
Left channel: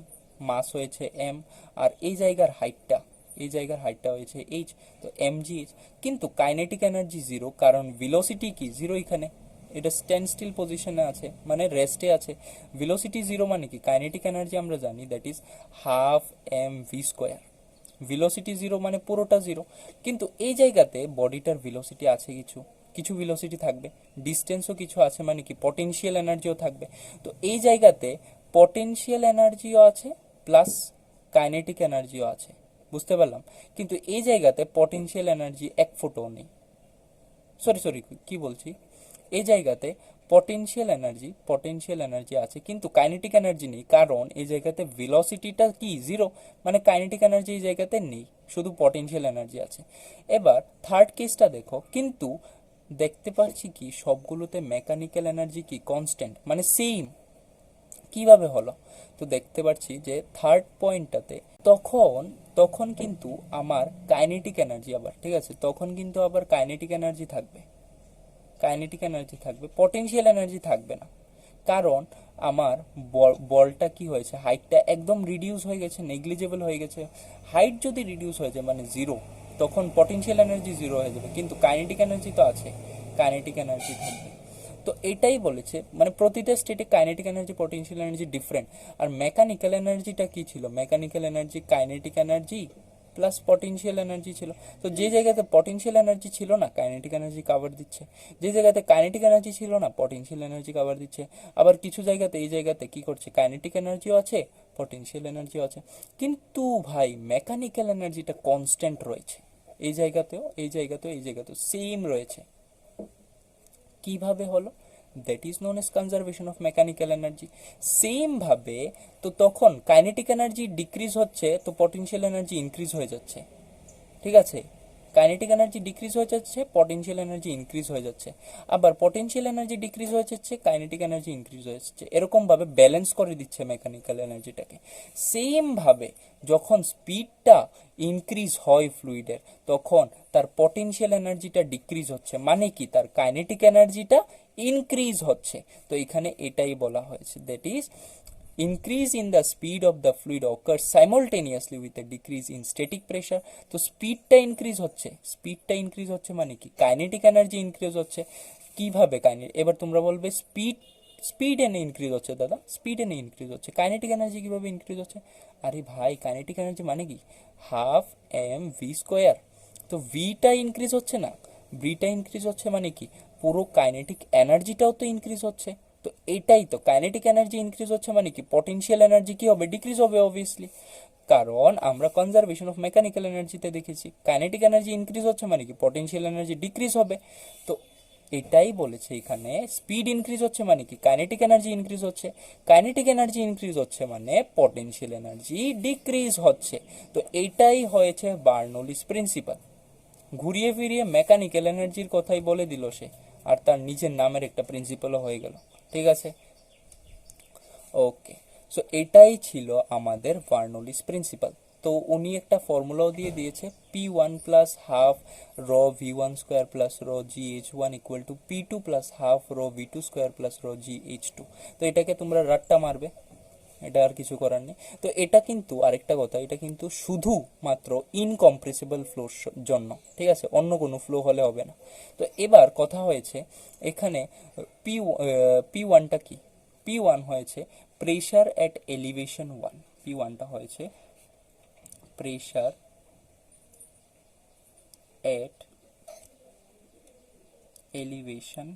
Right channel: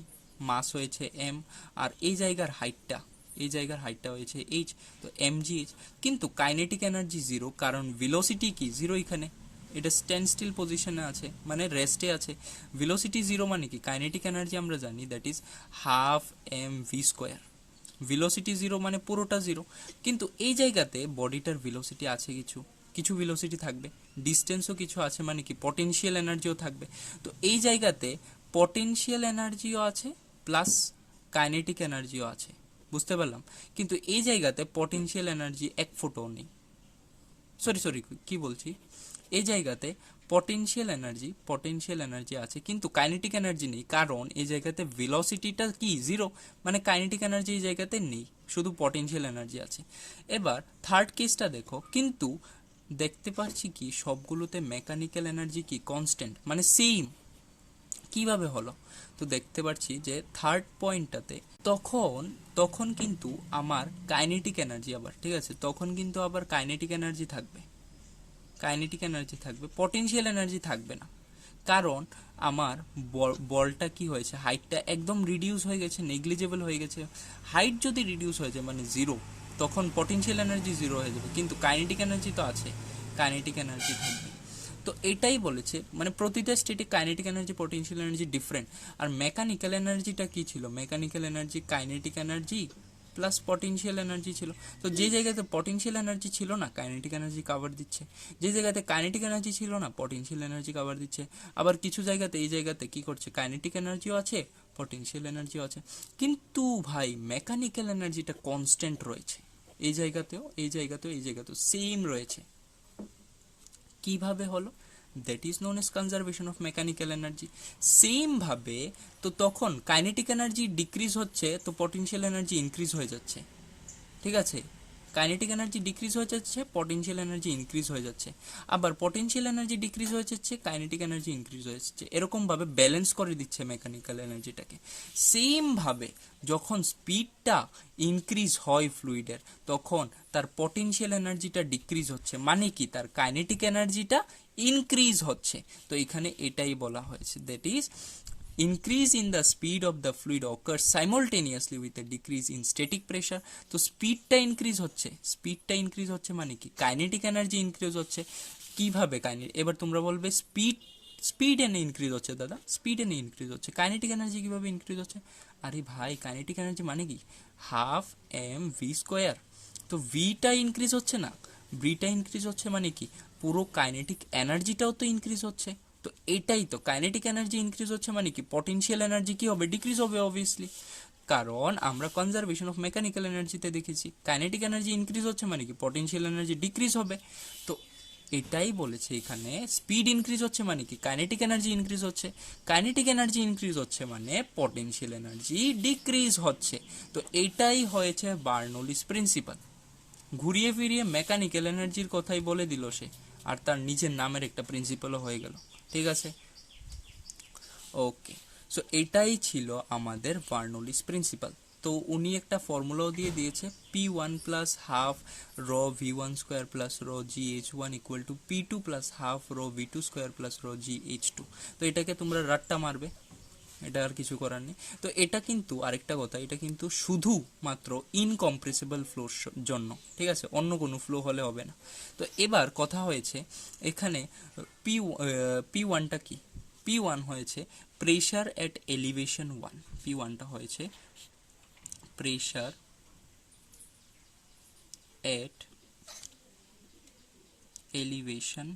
মাস হয়েছে এম, আর এই জায়গার হাইটটা হয়েছে এইচ, তো এম জি এইচ। কিন্তু কাইনেটিক এনার্জি জিরো, কারণ ভেলোসিটি কি জিরো, এখানে এটা স্ট্যান্ড স্টিল পজিশনে আছে, মানে রেস্টে আছে। ভেলোসিটি জিরো মানে কি, কাইনেটিক এনার্জি আমরা জানি that is half M V square. Velocity zero মানে পুরোটা জিরো। কিন্তু এই জায়গাতে বডিটার ভেলোসিটি আছে, কিছু ভেলোসিটি থাকবে, ডিস্টেন্সও কিছু আছে, মানে কি পটেনশিয়াল এনার্জিও থাকবে। তো এই জায়গাতে পটেনশিয়াল এনার্জিও আছে প্লাস কাইনেটিক এনার্জিও আছে, বুঝতে পারলাম। কিন্তু এই জায়গাতে পটেনশিয়াল এনার্জি এক ফোঁটাও নেই, সরি কি বলছি, এই জায়গাতে পটেনশিয়াল এনার্জি আছে কিন্তু কাইনেটিক এনার্জি নেই, কারণ এই জায়গাতে ভেলোসিটিটা কি জিরো, মানে কাইনেটিক এনার্জি এই জায়গাতে নেই, শুধু পটেনশিয়াল এনার্জি আছে। এবার থার্ড কেসটা দেখো, কিন্তু দেখতে পাচ্ছি কি সবগুলোতে মেকানিক্যাল এনার্জি কি কনস্ট্যান্ট, মানে সেম। কিভাবে হলো, তো দেখতে পাচ্ছি যে থার্ড পয়েন্টটাতে তখন কিন্তু আমার কাইনেটিক এনার্জি আবার, ঠিক আছে, তখন কিন্তু আবার কাইনেটিক এনার্জি থাকবে, পটেনশিয়াল এনার্জি থাকবে না। কারণ আমার বলটা কি হয়েছে, হাইটটা একদম রিডিউস হয়ে গেছে, নেগলিজেবল হয়ে গেছে। হাইট যদি রিডিউস হয়ে যায় মানে জিরো, তখন পটেনশিয়াল এনার্জি জিরো হয়ে যাবে, কিন্তু কাইনেটিক এনার্জি তো আছে, কাইনেটিক এনার্জি থাকবে। তো এটাই বলেছে, মানে প্রতিটা স্টেটে kinetic energy potential energy different. আর মেকানিক্যাল এনার্জিটা কি ছিল, mechanical energy kinetic energy plus potential energy ছিল। তো যে জায়গাতে পটেনশিয়াল এনার্জি ছিল না, কাইনেটিক এনার্জি কভার দিচ্ছে, যে জায়গাতে কাইনেটিক এনার্জি ছিল না, পটেনশিয়াল এনার্জি কভার দিচ্ছে। আবার কিছু জায়গাতে এই জায়গাতে কি করছে, কাইনেটিক এনার্জিও আছে, পটেনশিয়াল এনার্জিও আছে, কিন্তু ভাই মেকানিক্যাল এনার্জিটা কনস্ট্যান্ট রয়েছে, এই জায়গাতেও সেম রয়েছে। কিভাবে হলো, that is known age conservation of mechanical energy. Same ভাবে তো তখন কাইনেটিক এনার্জি ডিক্রিজ হচ্ছে, তো পটেনশিয়াল এনার্জি ইনক্রিজ হয়ে যাচ্ছে, ঠিক আছে। কাইনেটিক এনার্জি ডিক্রিজ হয়ে যাচ্ছে, পটেনশিয়াল এনার্জি ইনক্রিজ হয়ে যাচ্ছে, আবার পটেনশিয়াল এনার্জি ডিক্রিজ হয়ে যাচ্ছে, কাইনেটিক এনার্জি ইনক্রিজ হয়ে যাচ্ছে, এরকম ভাবে ব্যালেন্স করে দিচ্ছে মেকানিক্যাল এনার্জিটাকে। সেম ভাবে যখন স্পিডটা ইনক্রিজ হয় ফ্লুইডের, তখন তার পটেনশিয়াল এনার্জিটা ডিক্রিজ হচ্ছে, মানে কি তার কাইনেটিক এনার্জিটা ইনক্রিজ হচ্ছে। তো এখানে এটাই বলা হয়েছে, that is increase in the speed of the fluid occurs simultaneously with a decrease in static pressure। তো স্পিডটা ইনক্রিজ হচ্ছে মানে কি কাইনেটিক এনার্জি ইনক্রিজ হচ্ছে। কিভাবে এবার তোমরা বলবে স্পিড এনে ইনক্রিজ হচ্ছে, দাদা স্পিড এনে ইনক্রিজ হচ্ছে, কাইনেটিক এনার্জি কিভাবে ইনক্রিজ হচ্ছে? আরে ভাই কাইনেটিক এনার্জি মানে কি হাফ এম ভি স্কোয়ার, তো ভিটা ইনক্রিজ হচ্ছে না, ভিটা ইনক্রিজ হচ্ছে মানে কি পুরো কাইনেটিক এনার্জিটাও তো ইনক্রিজ হচ্ছে। তো এটাই তো কাইনেটিক এনার্জি ইনক্রিজ হচ্ছে মানে কি পটেনশিয়াল এনার্জি কি হবে, ডিক্রিজ হবে অবভিয়াসলি, কারণ আমরা কনজারভেশন অফ মেকানিক্যাল এনার্জিতে দেখেছি কাইনেটিক এনার্জি ইনক্রিজ হচ্ছে মানে কি পটেনশিয়াল এনার্জি ডিক্রিজ হবে। তো এটাই বলেছে এখানে, স্পিড ইনক্রিজ হচ্ছে মানে কি কাইনেটিক এনার্জি ইনক্রিজ হচ্ছে, কাইনেটিক এনার্জি ইনক্রিজ হচ্ছে মানে পটেনশিয়াল এনার্জি ডিক্রিজ হচ্ছে। তো এটাই হয়েছে বার্নৌলিস প্রিন্সিপাল, ঘুরিয়ে ফিরিয়ে মেকানিক্যাল এনার্জির কথাই বলে দিল সে, আর তার নিজের নামের একটা প্রিন্সিপালও হয়ে গেল। ঠিক আছে, ওকে। সো এটাই ছিল আমাদের বার্নৌলিস প্রিন্সিপাল। তো উনি একটা ফর্মুলাও দিয়ে দিয়েছে, P1 প্লাস হাফ র V1 স্কোয়ার প্লাস র GH1 equal to P2 plus half র V2 স্কোয়ার প্লাস র GH2। তো এটাকে তোমরা রাট্টা মারবে, এটা আর কিছু করার নেই। তো এটা কিন্তু আরেকটা কথা, এটা কিন্তু শুধুমাত্র ইনকম্প্রেসিবল ফ্লোর জন্য, ঠিক আছে, অন্য কোনো ফ্লো হলে হবে না। তো এবার কথা হয়েছে এখানে P1টা কি? P1 হয়েছে প্রেশার অ্যাট এলিভেশন 1। P1টা হয়েছে প্রেশার অ্যাট এলিভেশন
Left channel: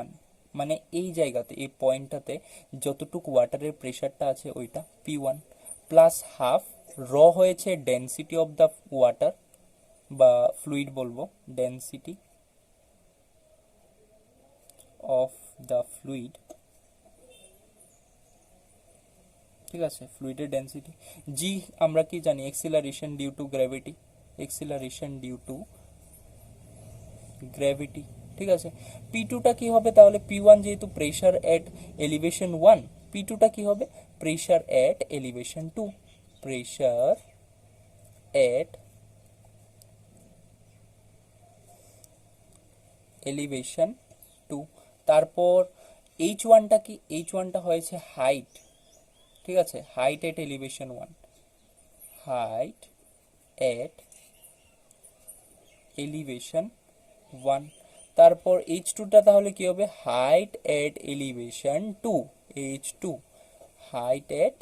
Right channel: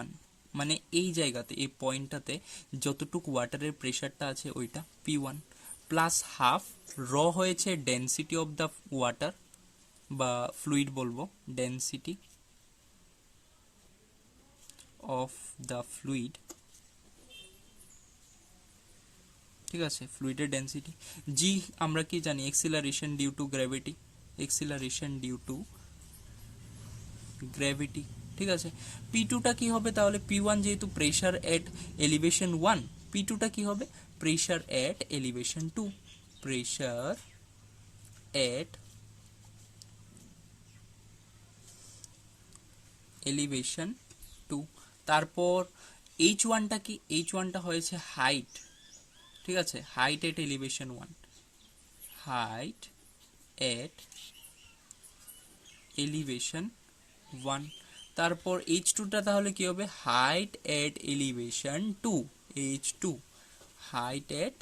1, মানে এই জায়গাতে, এই পয়েন্টটাতে যতটুকু ওয়াটারের প্রেশারটা আছে ওইটা P1 প্লাস হাফ র হয়েছে ডেন্সিটি অফ দ্য ওয়াটার বা ফ্লুইড বলবো, ডেন্সিটি অফ দ্য ফ্লুইড, ঠিক আছে, ফ্লুইডের ডেন্সিটি। জি আমরা কি জানি, acceleration due to gravity, acceleration due to gravity, ঠিক আছে। P2টা কি হবে তাহলে? P1 যেহেতু প্রেশার এট এলিভেশন 1, P2টা কি হবে? প্রেশার এট এলিভেশন 2, প্রেশার এট এলিভেশন 2। তারপর H1টা কি? H1টা হয়েছে হাইট, ঠিক আছে, হাইট এট এলিভেশন 1, হাইট এট এলিভেশন 1। তারপর H2টা তাহলে কি হবে? হাইট এট এলিভেশন 2, H2, হাইট এট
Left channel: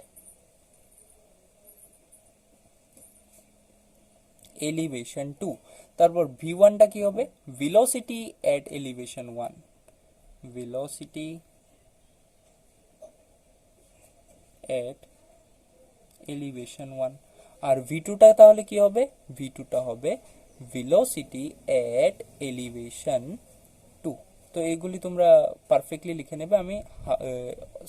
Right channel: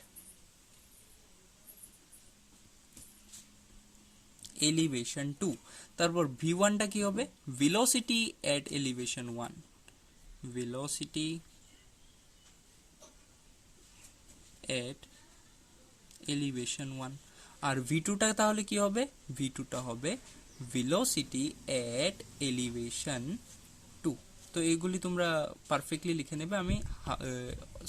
এলিভেশন 2। তারপর V1টা কি হবে? ভেলোসিটি এট এলিভেশন 1, ভেলোসিটি এট এলিভেশন 1। আর V2টা তাহলে কি হবে? V2টা হবে ভেলোসিটি এট এলিভেশন 2। তো এইগুলি তোমরা পারফেক্টলি লিখে নেবে, আমি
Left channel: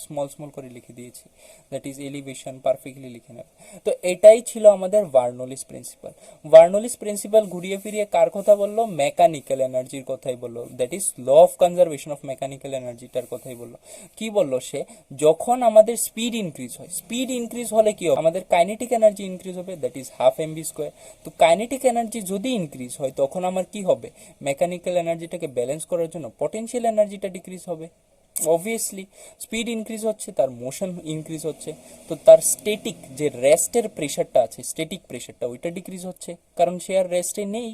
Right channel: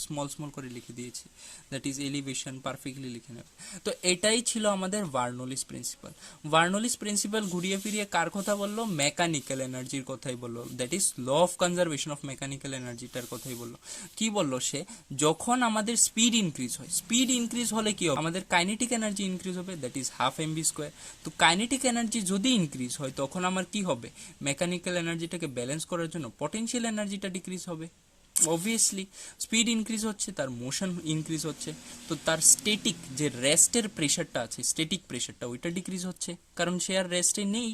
স্মল স্মল করে লিখে দিয়েছি, দ্যাট ইজ এলিভেশন, পারফেক্টলি লিখে নেবে। তো এটাই ছিল আমাদের বার্নৌলিস প্রিন্সিপাল। বার্নৌলিস প্রিন্সিপাল ঘুরিয়ে ফিরিয়ে কার কথা বললো? মেকানিক্যাল এনার্জির কথাই বললো, that is law of conservation of mechanical এনার্জিটার কথাই বললো। কি বললো সে? যখন আমাদের স্পিড ইনক্রিজ হয়, স্পিড ইনক্রিজ হলে কি হবে? আমাদের কাইনেটিক এনার্জি ইনক্রিজ হবে, that is half mv square. তো কাইনেটিক এনার্জি যদি ইনক্রিজ হয় তখন আমার কি হবে? মেকানিক্যাল এনার্জিটাকে ব্যালেন্স করার জন্য পটেনশিয়াল এনার্জিটা ডিক্রিজ হবে। অবভিয়াসলি স্পিড ইনক্রিজ হচ্ছে, তার মোশন ইনক্রিজ হচ্ছে, তো তার স্ট্যাটিক যে রেস্টের প্রেশারটা আছে, স্ট্যাটিক প্রেশারটা ওইটা ডিক্রিজ হচ্ছে, কারণ সে আর রেস্টে নেই।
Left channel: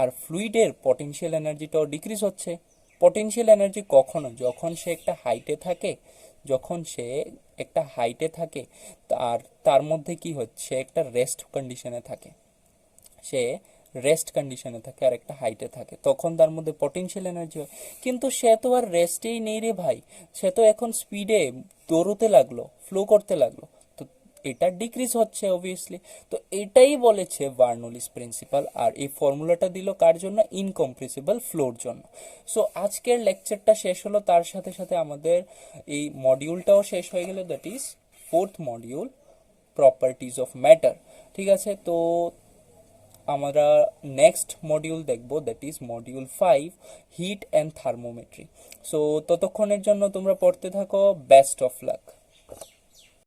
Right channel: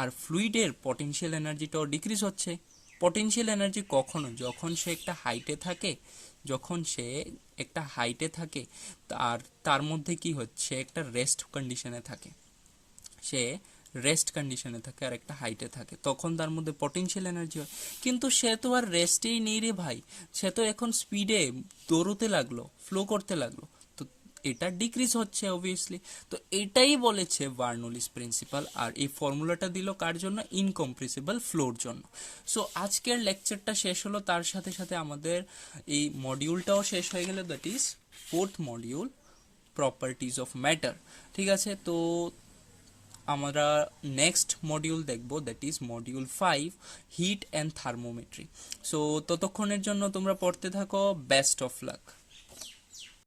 আর ফ্লুইডের পটেনশিয়াল এনার্জিটাও ডিক্রিজ হচ্ছে। পটেনশিয়াল এনার্জি কখনো, যখন সে একটা হাইটে থাকে, যখন সে একটা হাইটে থাকে, তার মধ্যে কি হচ্ছে? একটা রেস্ট কন্ডিশনে থাকে, সে রেস্ট কন্ডিশনে থাকে আর একটা হাইটে থাকে, তখন তার মধ্যে পটেনশিয়াল এনার্জি হয়। কিন্তু সে তো আর রেস্টেই নেই রে ভাই, সে তো এখন স্পিডে দৌড়তে লাগলো, ফ্লো করতে লাগলো, তো এটা ডিক্রিজ হচ্ছে অবভিয়াসলি। তো এটাই বলেছে বার্নৌলিস প্রিন্সিপাল, আর এই ফর্মুলাটা দিল কার জন্য? ইনকম্প্রেসিবল ফ্লোর জন্য। সো আজকের লেকচারটা শেষ হলো, তার সাথে সাথে আমাদের এই মডিউলটাও শেষ হয়ে গেল, that is 4th module, properties of matter. ঠিক আছে, তো আমরা নেক্সট মডিউল দেখব, that is module 5, heat and thermometry. So ততক্ষণের জন্য তোমরা পড়তে থাকো, বেস্ট অফ লাক।